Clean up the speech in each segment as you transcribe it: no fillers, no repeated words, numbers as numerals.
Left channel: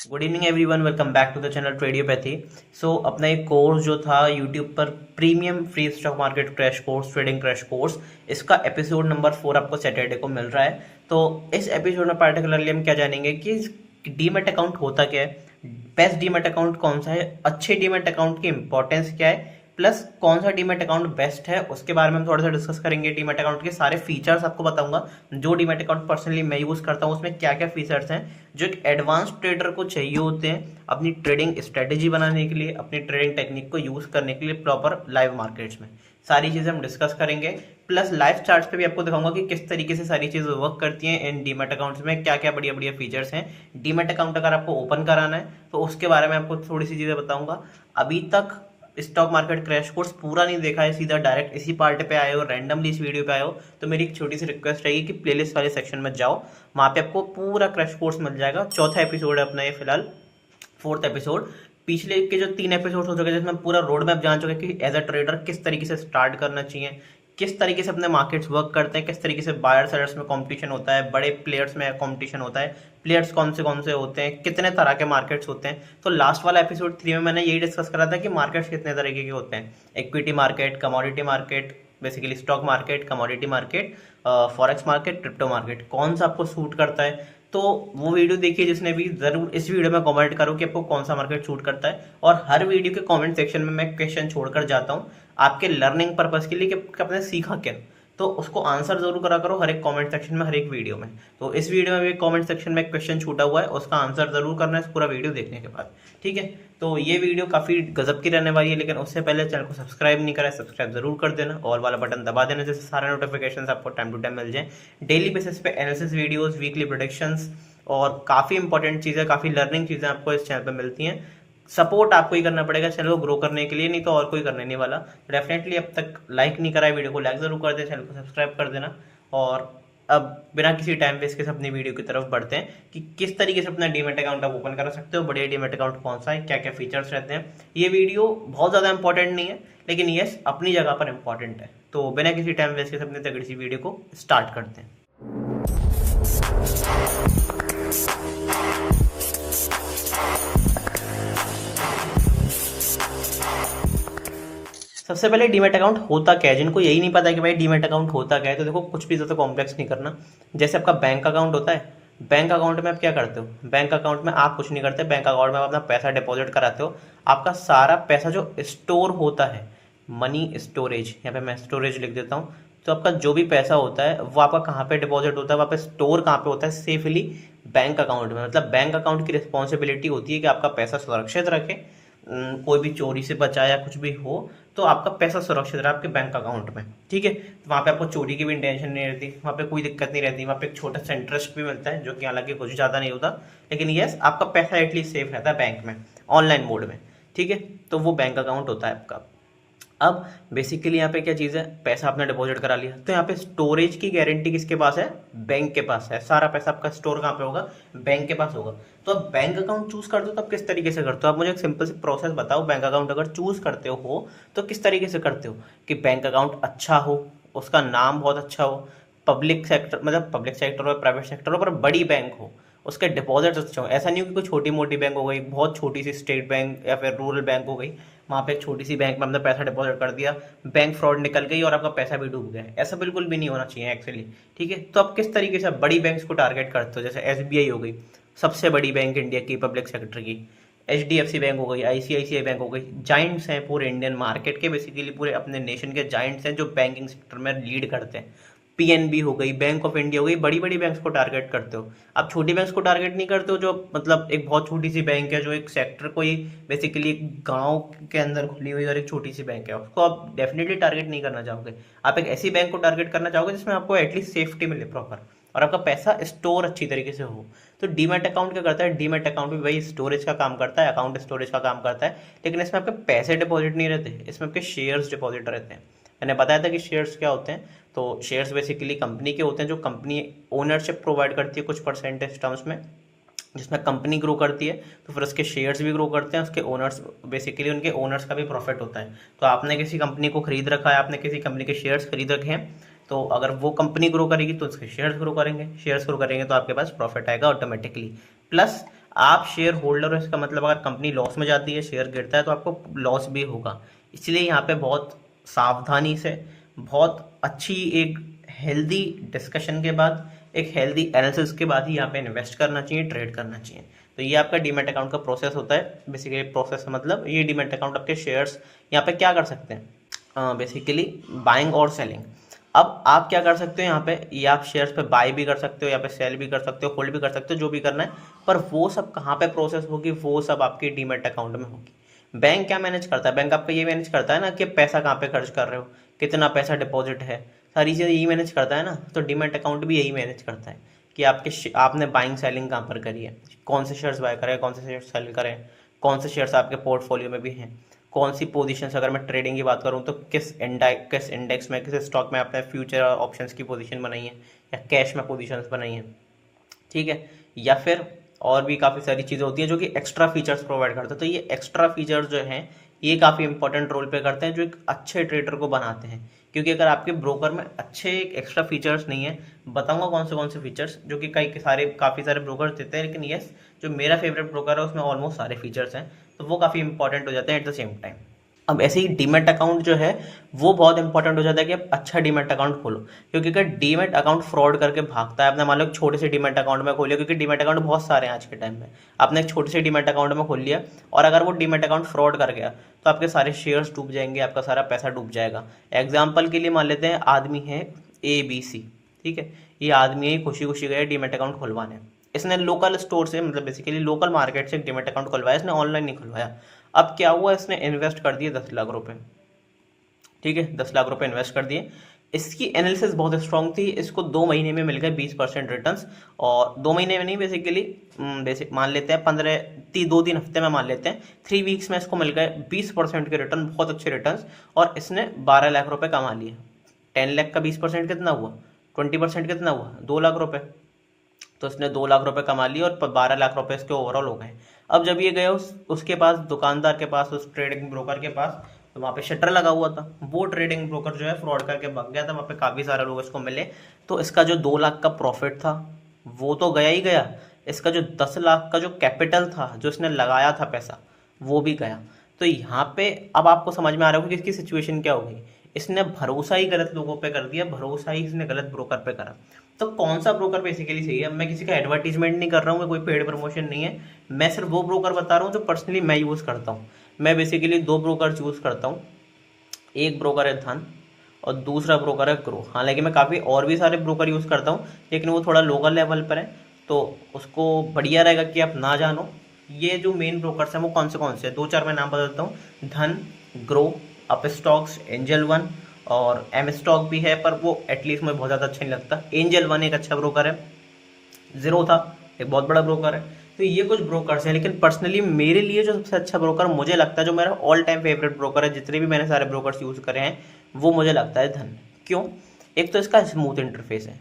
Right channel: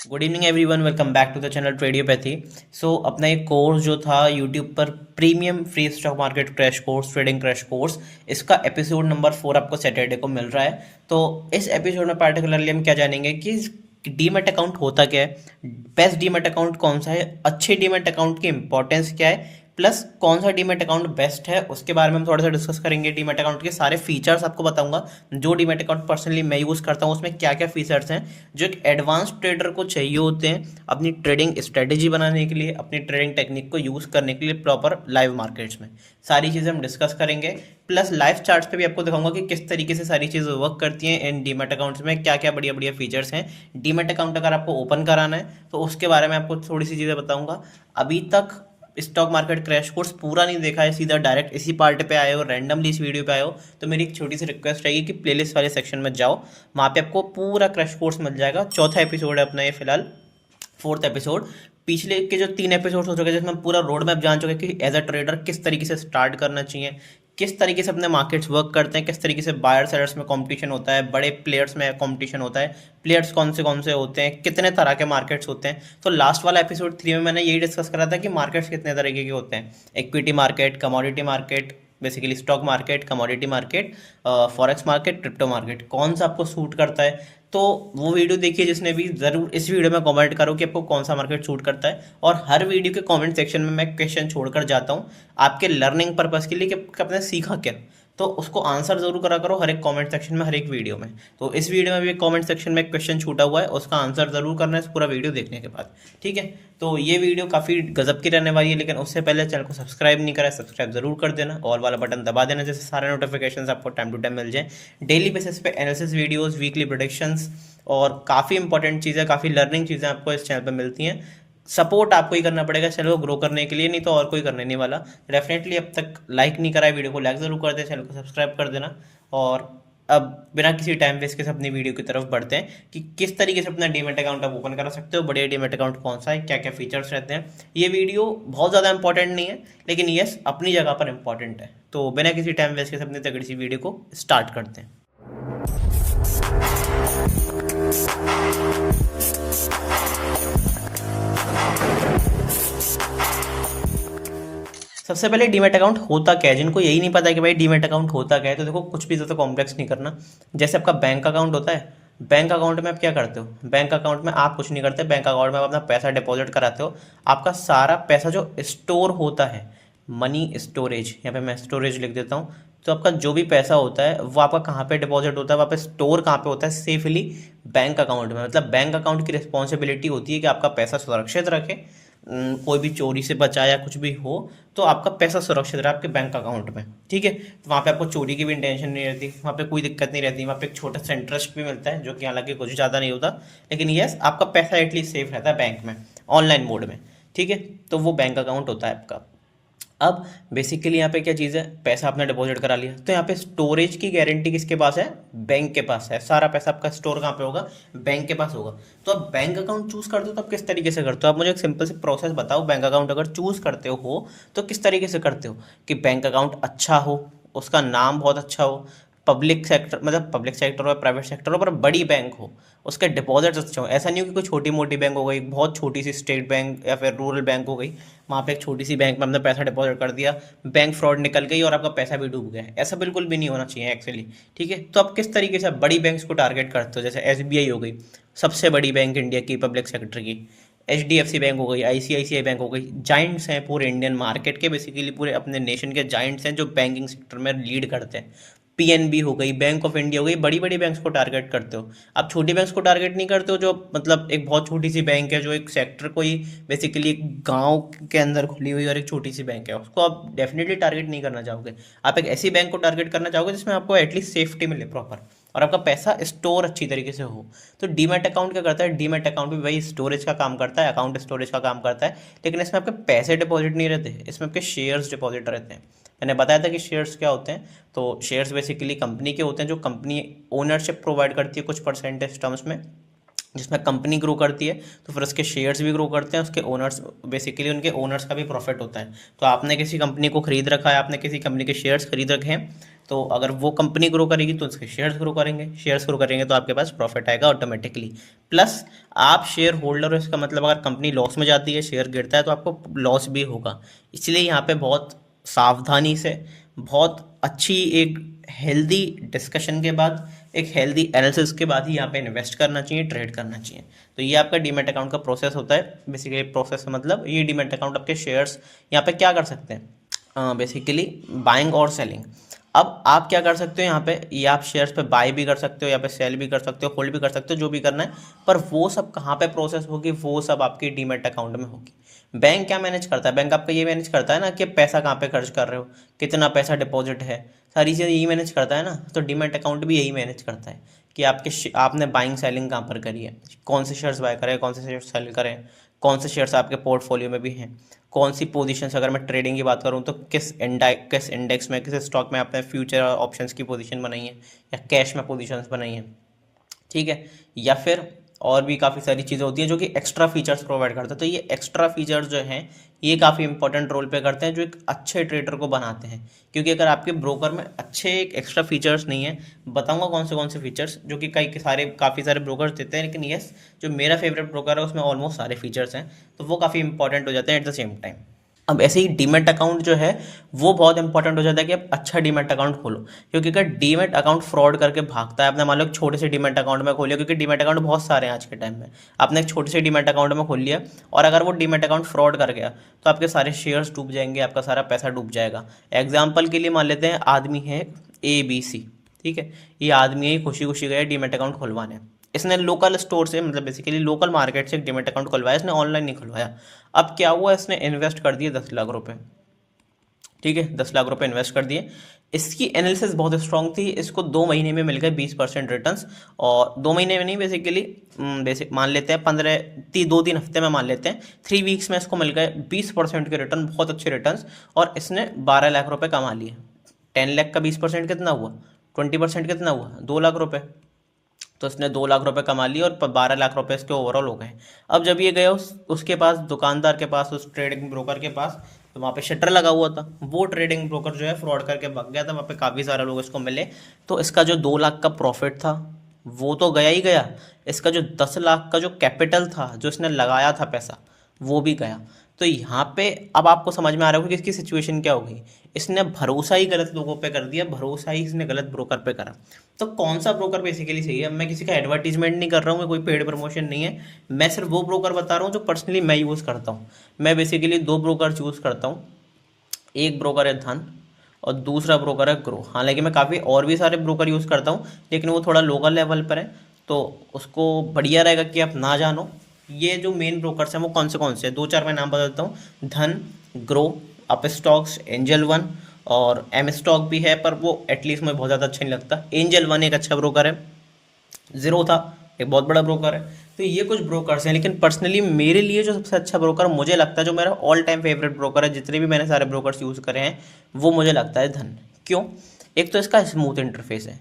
Good evening everyone, welcome back to the channel Tradiopathy. So अपना एक course जो था यूट्यूब पर premium free stock market crash course, trading crash course, इसका episode number 4 आपको Saturday को मिल रहा है। तो इस एपिसोड में पार्टिकुलरली हम क्या जानेंगे कि डीमेट अकाउंट होता क्या है, बेस्ट डीमेट अकाउंट कौन सा है, अच्छे डीमेट अकाउंट की इंपॉर्टेंस क्या है, प्लस कौन सा डीमेट अकाउंट बेस्ट है उसके बारे में हम थोड़ा सा डिस्कस करेंगे। डीमेट अकाउंट के सारे फीचर्स आपको बताऊंगा। जो डीमेट अकाउंट पर्सनली मैं यूज़ करता हूँ उसमें क्या क्या फीचर्स हैं जो एक एडवांस ट्रेडर को चाहिए होते हैं अपनी ट्रेडिंग स्ट्रेटेजी बनाने के लिए, अपनी ट्रेडिंग टेक्निक को यूज़ करने के लिए प्रॉपर लाइव मार्केट्स में। सारी चीज़ें हम डिस्कस करेंगे। प्लस लाइव चार्ट्स पे भी आपको दिखाऊंगा कि किस तरीके से सारी चीज़ें वर्क करती हैं इन डीमेट अकाउंट्स में, क्या क्या बढ़िया बढ़िया फीचर्स हैं। डीमेट अकाउंट अगर आपको ओपन कराना है तो उसके बारे में आपको थोड़ी सी चीज़ें बताऊंगा। अभी तक स्टॉक मार्केट क्रैश कोर्स पूरा नहीं देखा है, सीधा डायरेक्ट इसी पार्ट पे आए हो, रैंडमली इस वीडियो पे आए हो, तो मेरी एक छोटी सी रिक्वेस्ट रहेगी कि प्लेलिस्ट वाले सेक्शन में जाओ। वहाँ पे आपको पूरा क्रैश कोर्स मिल जाएगा। चौथा एपिसोड है अपना ये फिलहाल, फोर्थ एपिसोड। पिछले के जो 3 एपिसोड हो चुके हैं जिसमें पूरा रोड मैप जान चुके हैं कि एज अ ट्रेडर किस तरीके से स्टार्ट करना चाहिए, किस तरीके से अपने मार्केट्स वर्क करते हैं, किस तरीके से बायर सेलर्स में कंपटीशन होता है, बड़े प्लेयर्स में कंपटीशन होता है, प्लेयर्स कौन से होते हैं, कितने तरह के मार्केट्स होते हैं। तो लास्ट वाला एपिसोड 3 में मैंने यही डिस्कस करा था कि मार्केट्स कितने तरीके के होते हैं। Equity market, commodity market, basically stock market, commodity market, forex market, crypto market, कौन सा आपको सूट करता है। तो वो वीडियो देखिए जिसने भी, ज़रूर इस वीडियो में कमेंट करो कि आपको कौन सा मार्केट सूट करता है। और हर वीडियो के कमेंट सेक्शन में मैं क्वेश्चन छोड़कर जाता हूँ आपके लर्निंग पर्पज़ के लिए कि आपने सीखा क्या। तो उसको आंसर जरूर करा करो हर एक कमेंट सेक्शन में, हर एक वीडियो में। तो इस वीडियो में भी कमेंट सेक्शन में क्वेश्चन छूटा हुआ है, उसका आंसर जरूर करना है इस पूरा वीडियो देखने के बाद। ठीक है, तो ये वीडियो काफ़ी गजब की रहने वाली है, लेकिन उससे पहले चैनल को सब्सक्राइब नहीं करा है, सब्सक्राइब जरूर कर देना, ऑल वाला बटन दबा देना जैसे सारे नोटिफिकेशन आपको टाइम टू टाइम मिल जाए। डेली बेसिस पे एनालिसिस वीडियोस, वीकली प्रोडिक्शंस और काफ़ी इंपॉर्टेंट चीज़ें, काफ़ी लर्निंग चीज़ें आपको इस चैनल पर मिलती हैं। सपोर्ट आपको ही करना पड़ेगा चैनल को ग्रो करने के लिए, नहीं तो और कोई करने नहीं वाला। डेफिनेटली अब तक लाइक नहीं करा है वीडियो को, लाइक ज़रूर कर दे, चैनल को सब्सक्राइब कर देना। और अब बिना किसी टाइम वेस्ट के अपनी वीडियो की तरफ बढ़ते हैं कि किस तरीके से अपना डीमेट अकाउंट आप ओपन कर सकते हो, बढ़िया डीमेट अकाउंट कौन सा है, क्या क्या फीचर्स रहते हैं। ये वीडियो बहुत ज़्यादा इंपॉर्टेंट नहीं है, लेकिन यस अपनी जगह पर इंपॉर्टेंट है। तो बिना किसी टाइम वेस्ट के अपनी तगड़ी सी वीडियो को स्टार्ट करते हैं। सबसे पहले डीमेट अकाउंट होता क्या है, जिनको यही नहीं पता है कि भाई डीमेट अकाउंट होता क्या है, तो देखो कुछ भी ज़्यादा कॉम्प्लेक्स नहीं करना। जैसे आपका बैंक अकाउंट होता है, बैंक अकाउंट में आप क्या करते हो, बैंक अकाउंट में आप कुछ नहीं करते, बैंक अकाउंट में आप अपना पैसा डिपॉजिट कराते हो। आपका सारा पैसा जो स्टोर होता है, मनी स्टोरेज, यहाँ पे मैं स्टोरेज लिख देता हूँ। तो आपका जो भी पैसा होता है वो आपका कहाँ पे डिपॉजिट होता है, वहाँ पे स्टोर कहाँ पे होता है, सेफली बैंक अकाउंट में। मतलब बैंक अकाउंट की रिस्पॉन्सिबिलिटी होती है कि आपका पैसा सुरक्षित रखे, कोई भी चोरी से बचा या कुछ भी हो तो आपका पैसा सुरक्षित रहा आपके बैंक अकाउंट में। ठीक है, तो वहाँ पे आपको चोरी की भी टेंशन नहीं रहती, वहाँ पे कोई दिक्कत नहीं रहती, वहाँ पे एक छोटा सा इंटरेस्ट भी मिलता है जो कि हालांकि कुछ ज़्यादा नहीं होता, लेकिन यस आपका पैसा एटलीस्ट सेफ रहता है बैंक में, ऑनलाइन मोड में। ठीक है, तो वो बैंक अकाउंट होता है आपका। अब बेसिकली यहाँ पे क्या चीज़ है, पैसा आपने डिपॉजिट करा लिया तो यहाँ पे स्टोरेज की गारंटी किसके पास है, बैंक के पास है। सारा पैसा आपका स्टोर कहाँ पे होगा, बैंक के पास होगा। तो आप बैंक अकाउंट चूज करते हो तो आप किस तरीके से करते हो, आप मुझे एक सिंपल से प्रोसेस बताओ। बैंक अकाउंट अगर चूज करते हो तो किस तरीके से करते हो कि बैंक अकाउंट अच्छा हो, उसका नाम बहुत अच्छा हो, पब्लिक सेक्टर, मतलब पब्लिक सेक्टर हो, प्राइवेट सेक्टर हो, पर बड़ी बैंक हो, उसके डिपॉजिट अच्छे हो। ऐसा नहीं हो कि कोई छोटी मोटी बैंक हो गई, बहुत छोटी सी स्टेट बैंक या फिर रूरल बैंक हो गई, वहाँ पे एक छोटी सी बैंक में हमने पैसा डिपॉजिट कर दिया, बैंक फ्रॉड निकल गई और आपका पैसा भी डूब गया। ऐसा बिल्कुल भी नहीं होना चाहिए एक्चुअली। ठीक है, तो आप किस तरीके से बड़ी बैंक्स को टारगेट करते हो, जैसे एसबीआई हो गई, सबसे बड़ी बैंक इंडिया की पब्लिक सेक्टर की, एचडीएफसी बैंक हो गई, आईसीआईसीआई बैंक हो गई, जाइंट्स हैं पूरे इंडियन मार्केट के, बेसिकली पूरे अपने नेशन के जाइंट्स हैं जो बैंकिंग सेक्टर में लीड करते हैं। पीएनबी हो गई, बैंक ऑफ इंडिया हो गई, बड़ी बड़ी बैंक्स को टारगेट करते हो। आप छोटी बैंक्स को टारगेट नहीं करते हो, जो मतलब एक बहुत छोटी सी बैंक है, जो एक सेक्टर को ही बेसिकली गांव के अंदर खुली हुई और एक छोटी सी बैंक है, उसको आप डेफिनेटली टारगेट नहीं करना चाहोगे। आप एक ऐसी बैंक को टारगेट करना चाहोगे जिसमें आपको एटलीस्ट सेफ्टी मिले प्रॉपर और आपका पैसा स्टोर अच्छी तरीके से हो। तो डीमैट अकाउंट क्या करता है, डीमैट अकाउंट भी वही स्टोरेज का काम करता है, अकाउंट स्टोरेज का काम करता है, लेकिन इसमें आपके पैसे डिपॉजिट नहीं रहते, इसमें आपके शेयर्स डिपॉजिट रहते हैं। मैंने बताया था कि शेयर्स क्या होते हैं, तो शेयर्स बेसिकली कंपनी के होते हैं जो कंपनी ओनरशिप प्रोवाइड करती है कुछ परसेंटेज टर्म्स में, जिसमें कंपनी ग्रो करती है तो फिर उसके शेयर्स भी ग्रो करते हैं, उसके ओनर्स बेसिकली उनके ओनर्स का भी प्रॉफिट होता है। तो आपने किसी कंपनी को खरीद रखा है, आपने किसी कंपनी के शेयर्स खरीद रखे हैं, तो अगर वो कंपनी ग्रो करेगी तो उसके शेयर्स ग्रो करेंगे तो आपके पास प्रॉफिट आएगा ऑटोमेटिकली। प्लस आप शेयर होल्डर हो, इसका मतलब अगर कंपनी लॉस में जाती है, शेयर गिरता है, तो आपको लॉस भी होगा। इसलिए यहाँ पे बहुत सावधानी से, बहुत अच्छी एक हेल्दी डिस्कशन के बाद, एक हेल्दी एनालिसिस के बाद ही यहाँ पे इन्वेस्ट करना चाहिए, ट्रेड करना चाहिए। तो ये आपका डीमैट अकाउंट का प्रोसेस होता है। बेसिकली प्रोसेस मतलब ये डीमैट अकाउंट आपके शेयर्स यहाँ पे क्या कर सकते हैं, बेसिकली बाइंग और सेलिंग। अब आप क्या कर सकते हो यहाँ पे, ये आप शेयर्स पे बाय भी कर सकते हो, यहाँ पे सेल भी कर सकते हो, होल्ड भी कर सकते हो, जो भी करना है। पर वो सब कहाँ पे प्रोसेस होगी, वो सब आपके डीमैट अकाउंट में होगी। बैंक क्या मैनेज करता है, बैंक आपका ये मैनेज करता है ना कि पैसा कहाँ पे खर्च कर रहे हो, कितना पैसा डिपॉजिट है, सारी चीज़ें यही मैनेज करता है ना। तो डीमैट अकाउंट भी यही मैनेज करता है कि आपने बाइंग सेलिंग कहाँ पर करी है, कौन से शेयर्स बाय करें, कौन से शेयर्स सेल करें, कौन से शेयर्स आपके पोर्टफोलियो में भी हैं, कौन सी पोजीशंस, अगर मैं ट्रेडिंग की बात करूँ तो किस इंडेक्स में, किस स्टॉक में आपने फ्यूचर और ऑप्शंस की पोजीशन बनाई है या कैश में पोजीशंस बनाई हैं, ठीक है। या फिर और भी काफ़ी सारी चीज़ें होती हैं जो कि एक्स्ट्रा फीचर्स प्रोवाइड करते हैं। तो ये एक्स्ट्रा फीचर्स जो हैं ये काफ़ी इंपॉर्टेंट रोल प्ले करते हैं, जो एक अच्छे ट्रेडर को बनाते हैं। क्योंकि अगर आपके ब्रोकर में अच्छे एक एक्स्ट्रा फीचर्स नहीं है, बताऊंगा कौन से फीचर्स जो कि काफ़ी सारे ब्रोकर्स देते हैं, लेकिन यस, जो मेरा फेवरेट ब्रोकर है उसमें ऑलमोस्ट सारे फीचर्स हैं, तो वो काफ़ी इंपॉर्टेंट हो जाते हैं एट द सेम टाइम। अब ऐसे ही डीमैट अकाउंट जो है वो बहुत इंपॉर्टेंट हो जाता है कि आप अच्छा डीमैट अकाउंट खोलो। क्योंकि अगर डीमैट अकाउंट फ्रॉड करके भागता है, आपने मान लो एक छोटे से डीमैट अकाउंट में खोलिया, क्योंकि डीमैट अकाउंट बहुत सारे हैं आज के टाइम में, आपने एक छोटे से डीमैट अकाउंट में खोल लिया और अगर वो डीमैट अकाउंट फ्रॉड कर गया तो आपके सारे शेयर्स डूब जाएंगे, आपका सारा पैसा डूब जाएगा। एग्जाम्पल के लिए मान लेते हैं आदमी है ABC, ठीक है, ये आदमी ही खुशी खुशी गया डीमैट अकाउंट खुलवाने, इसने लोकल स्टोर से, मतलब बेसिकली लोकल मार्केट से एक डीमैट अकाउंट खुलवाया, इसने ऑनलाइन नहीं खुलवाया। अब क्या हुआ, इसने इन्वेस्ट कर दिए 10 लाख रुपए, ठीक है, 10 लाख रुपए इन्वेस्ट कर दिए। इसकी एनालिसिस बहुत स्ट्रांग थी, इसको 2 महीने में मिल गए 20% रिटर्न्स। और 2 महीने में नहीं, बेसिकली बेसिक मान लेते हैं 2-3 हफ्ते में मान लेते हैं, 3 वीक्स में इसको मिल गए 20% के रिटर्न, बहुत अच्छे रिटर्न्स। और इसने 12 लाख रुपए कमा लिए। 10 लाख का 20% कितना हुआ, 20% कितना हुआ, 2 लाख रुपए। तो इसने 2 लाख रुपए कमा लिए और 12 लाख रुपए इसके ओवरऑल हो गए। अब जब ये गया उसके पास, दुकानदार के पास, उस ट्रेडिंग ब्रोकर के पास, तो वहाँ पे शटर लगा हुआ था, वो ट्रेडिंग ब्रोकर जो है फ्रॉड करके भाग गया था, वहाँ पे काफ़ी सारे लोग इसको मिले। तो इसका जो 2 लाख का प्रॉफिट था वो तो गया ही गया, इसका जो 10 लाख का जो कैपिटल था, जो इसने लगाया था पैसा, वो भी गया। तो यहाँ पे अब आपको समझ में आ रहा होगा कि इसकी सिचुएशन क्या हो गई। इसने भरोसा ही गलत लोगों पे कर दिया, भरोसा ही इसने गलत ब्रोकर पे करा। तो कौन सा ब्रोकर बेसिकली सही है, अब मैं किसी का एडवर्टीजमेंट नहीं कर रहा हूँ, मैं कोई पेड प्रमोशन नहीं है, मैं सिर्फ वो ब्रोकर बता रहा हूँ जो पर्सनली मैं यूज़ करता हूँ। मैं बेसिकली 2 ब्रोकर यूज़ करता हूँ, एक ब्रोकर है धन और दूसरा ब्रोकर है ग्रो। हालांकि मैं काफ़ी और भी सारे ब्रोकर यूज़ करता हूँ, लेकिन वो थोड़ा लोकल लेवल पर है, तो उसको बढ़िया रहेगा कि आप ना जानो। ये जो मेन ब्रोकर्स हैं वो कौन से हैं, 2-4 मैं नाम बताता हूँ। धन, grow, up stocks, angel one, और एम स्टॉक भी है, पर वो एटलीस्ट मुझे बहुत ज़्यादा अच्छा नहीं लगता। एंजल वन एक अच्छा ब्रोकर है, ज़ीरो था एक बहुत बड़ा ब्रोकर है। तो ये कुछ ब्रोकर्स हैं, लेकिन पर्सनली मेरे लिए जो सबसे अच्छा ब्रोकर मुझे लगता है, जो मेरा ऑल टाइम फेवरेट ब्रोकर है, जितने भी मैंने सारे ब्रोकर्स यूज़ करे हैं, वो मुझे लगता है धन। क्यों? एक तो इसका स्मूथ इंटरफेस है,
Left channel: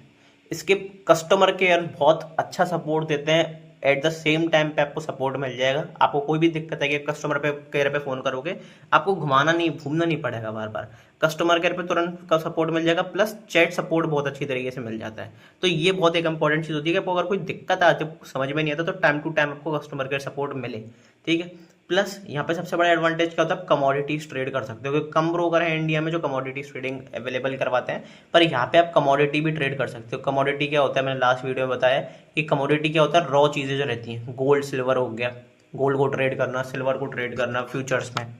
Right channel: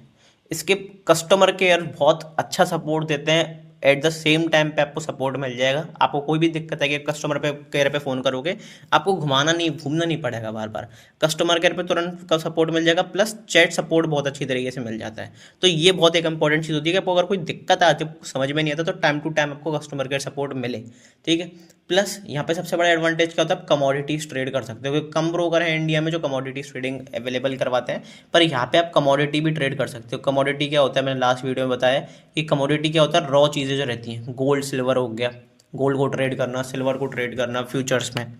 इसके कस्टमर केयर बहुत अच्छा सपोर्ट देते हैं, एट द सेम टाइम पे आपको सपोर्ट मिल जाएगा। आपको कोई भी दिक्कत है कि कस्टमर पे केयर पे फ़ोन करोगे, आपको घूमना नहीं पड़ेगा बार बार, कस्टमर केयर पे तुरंत का सपोर्ट मिल जाएगा, प्लस चैट सपोर्ट बहुत अच्छी तरीके से मिल जाता है। तो ये बहुत एक इंपॉर्टेंट चीज़ होती है कि आपको अगर कोई दिक्कत आती है, समझ में नहीं आता, तो टाइम टू टाइम आपको कस्टमर केयर सपोर्ट मिले, ठीक है। प्लस यहाँ पे सबसे बड़ा एडवांटेज क्या होता है, आप कमोडिटीज ट्रेड कर सकते हो, क्योंकि कम ब्रोकर है इंडिया में जो कमोडिटीज ट्रेडिंग अवेलेबल करवाते हैं, पर यहाँ पे आप कमोडिटी भी ट्रेड कर सकते हो। कमोडिटी क्या होता है, मैंने लास्ट वीडियो में बताया कि कमोडिटी क्या होता है, रॉ चीज़ें जो रहती हैं, गोल्ड सिल्वर हो गया, गोल्ड को ट्रेड करना, सिल्वर को ट्रेड करना फ्यूचर्स में,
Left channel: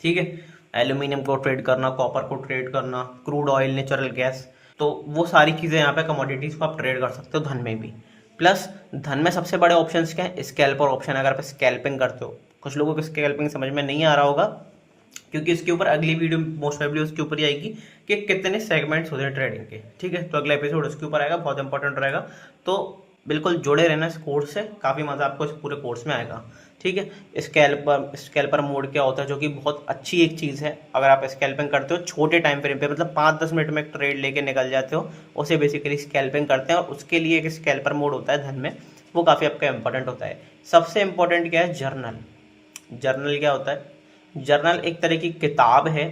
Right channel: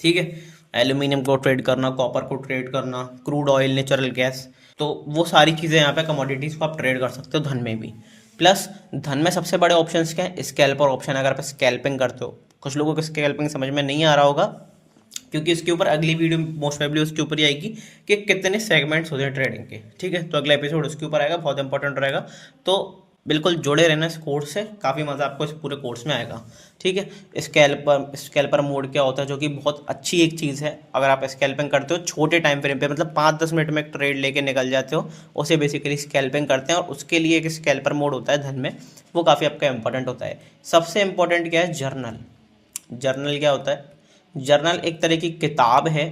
ठीक है, एल्यूमिनियम को ट्रेड करना, कॉपर को ट्रेड करना, क्रूड ऑयल, नेचुरल गैस, तो वो सारी चीज़ें यहाँ पे कमोडिटीज़ को आप ट्रेड कर सकते हो धन में भी। प्लस धन में सबसे बड़े ऑप्शंस क्या है, स्कैल्पर ऑप्शन, अगर आप स्कैल्पिंग करते हो। कुछ लोगों को स्कैल्पिंग समझ में नहीं आ रहा होगा, क्योंकि इसके ऊपर अगली वीडियो मोस्ट प्रोबेबली उसके ऊपर ही आएगी कि कितने सेगमेंट्स होते हैं ट्रेडिंग के, ठीक है। तो अगला एपिसोड उसके ऊपर आएगा, बहुत इंपॉर्टेंट रहेगा, तो बिल्कुल जुड़े रहना इस कोर्स से, काफ़ी मज़ा आपको इस पूरे कोर्स में आएगा, ठीक है। स्कैल्पर मोड क्या होता है, जो कि बहुत अच्छी एक चीज़ है। अगर आप स्कैल्पिंग करते हो छोटे टाइम फ्रेम पे, मतलब 5-10 मिनट में एक ट्रेड लेके निकल जाते हो, उसे बेसिकली स्कैल्पिंग करते हैं, और उसके लिए एक स्कैल्पर मोड होता है धन में, वो काफ़ी आपका इंपॉर्टेंट होता है। सबसे इंपॉर्टेंट क्या है, जर्नल। जर्नल क्या होता है, जर्नल एक तरह की किताब है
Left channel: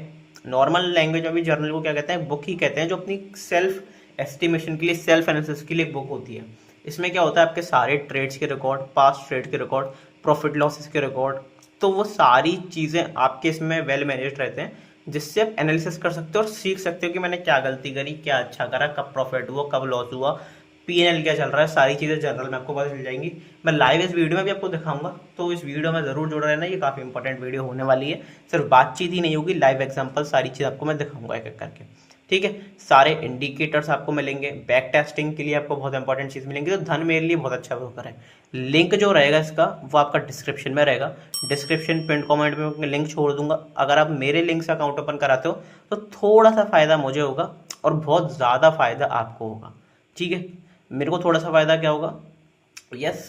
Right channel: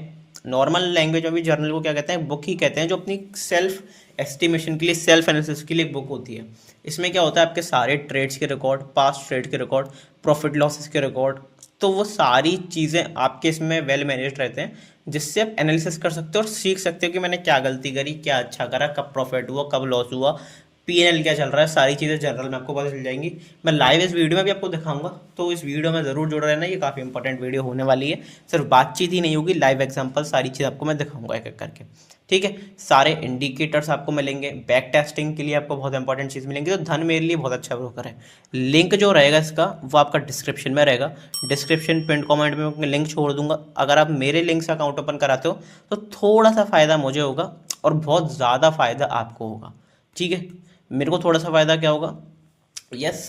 नॉर्मल लैंग्वेज में भी जर्नल को क्या कहते हैं, बुक ही कहते हैं, जो अपनी सेल्फ एस्टिमेशन के लिए, सेल्फ एनालिसिस के लिए एक बुक होती है। इसमें क्या होता है, आपके सारे ट्रेड्स के रिकॉर्ड, पास्ट ट्रेड के रिकॉर्ड, प्रॉफिट लॉसेस के रिकॉर्ड, तो वो सारी चीज़ें आपके इसमें वेल मैनेज्ड रहते हैं, जिससे आप एनालिसिस कर सकते हो और सीख सकते हो कि मैंने क्या गलती करी, क्या अच्छा करा, कब प्रॉफिट हुआ, कब लॉस हुआ, पीएनएल क्या चल रहा है, सारी चीज़ें जनरल में आपको पता चल जाएंगी। मैं लाइव इस वीडियो में भी आपको दिखाऊंगा, तो इस वीडियो में ज़रूर जुड़ रहना, ये काफ़ी इंपॉर्टेंट वीडियो होने वाली है। सिर्फ बातचीत ही नहीं होगी, लाइव एग्जांपल सारी चीज़ आपको मैं दिखाऊंगा एक एक करके, ठीक है। सारे इंडिकेटर्स आपको मिलेंगे, बैक टेस्टिंग के लिए आपको बहुत इंपॉर्टेंट चीज़ मिलेंगी। तो धन मेरे लिए बहुत अच्छा ब्रोकर है। लिंक जो रहेगा इसका वो आपका डिस्क्रिप्शन में रहेगा, डिस्क्रिप्शन पिन कमेंट में मैं लिंक छोड़ दूंगा। अगर आप मेरे लिंक से अकाउंट ओपन कराते हो तो थोड़ा सा फ़ायदा मुझे होगा और बहुत ज़्यादा फ़ायदा आपको होगा, ठीक है। मेरे को थोड़ा सा फ़ायदा क्या होगा, यस,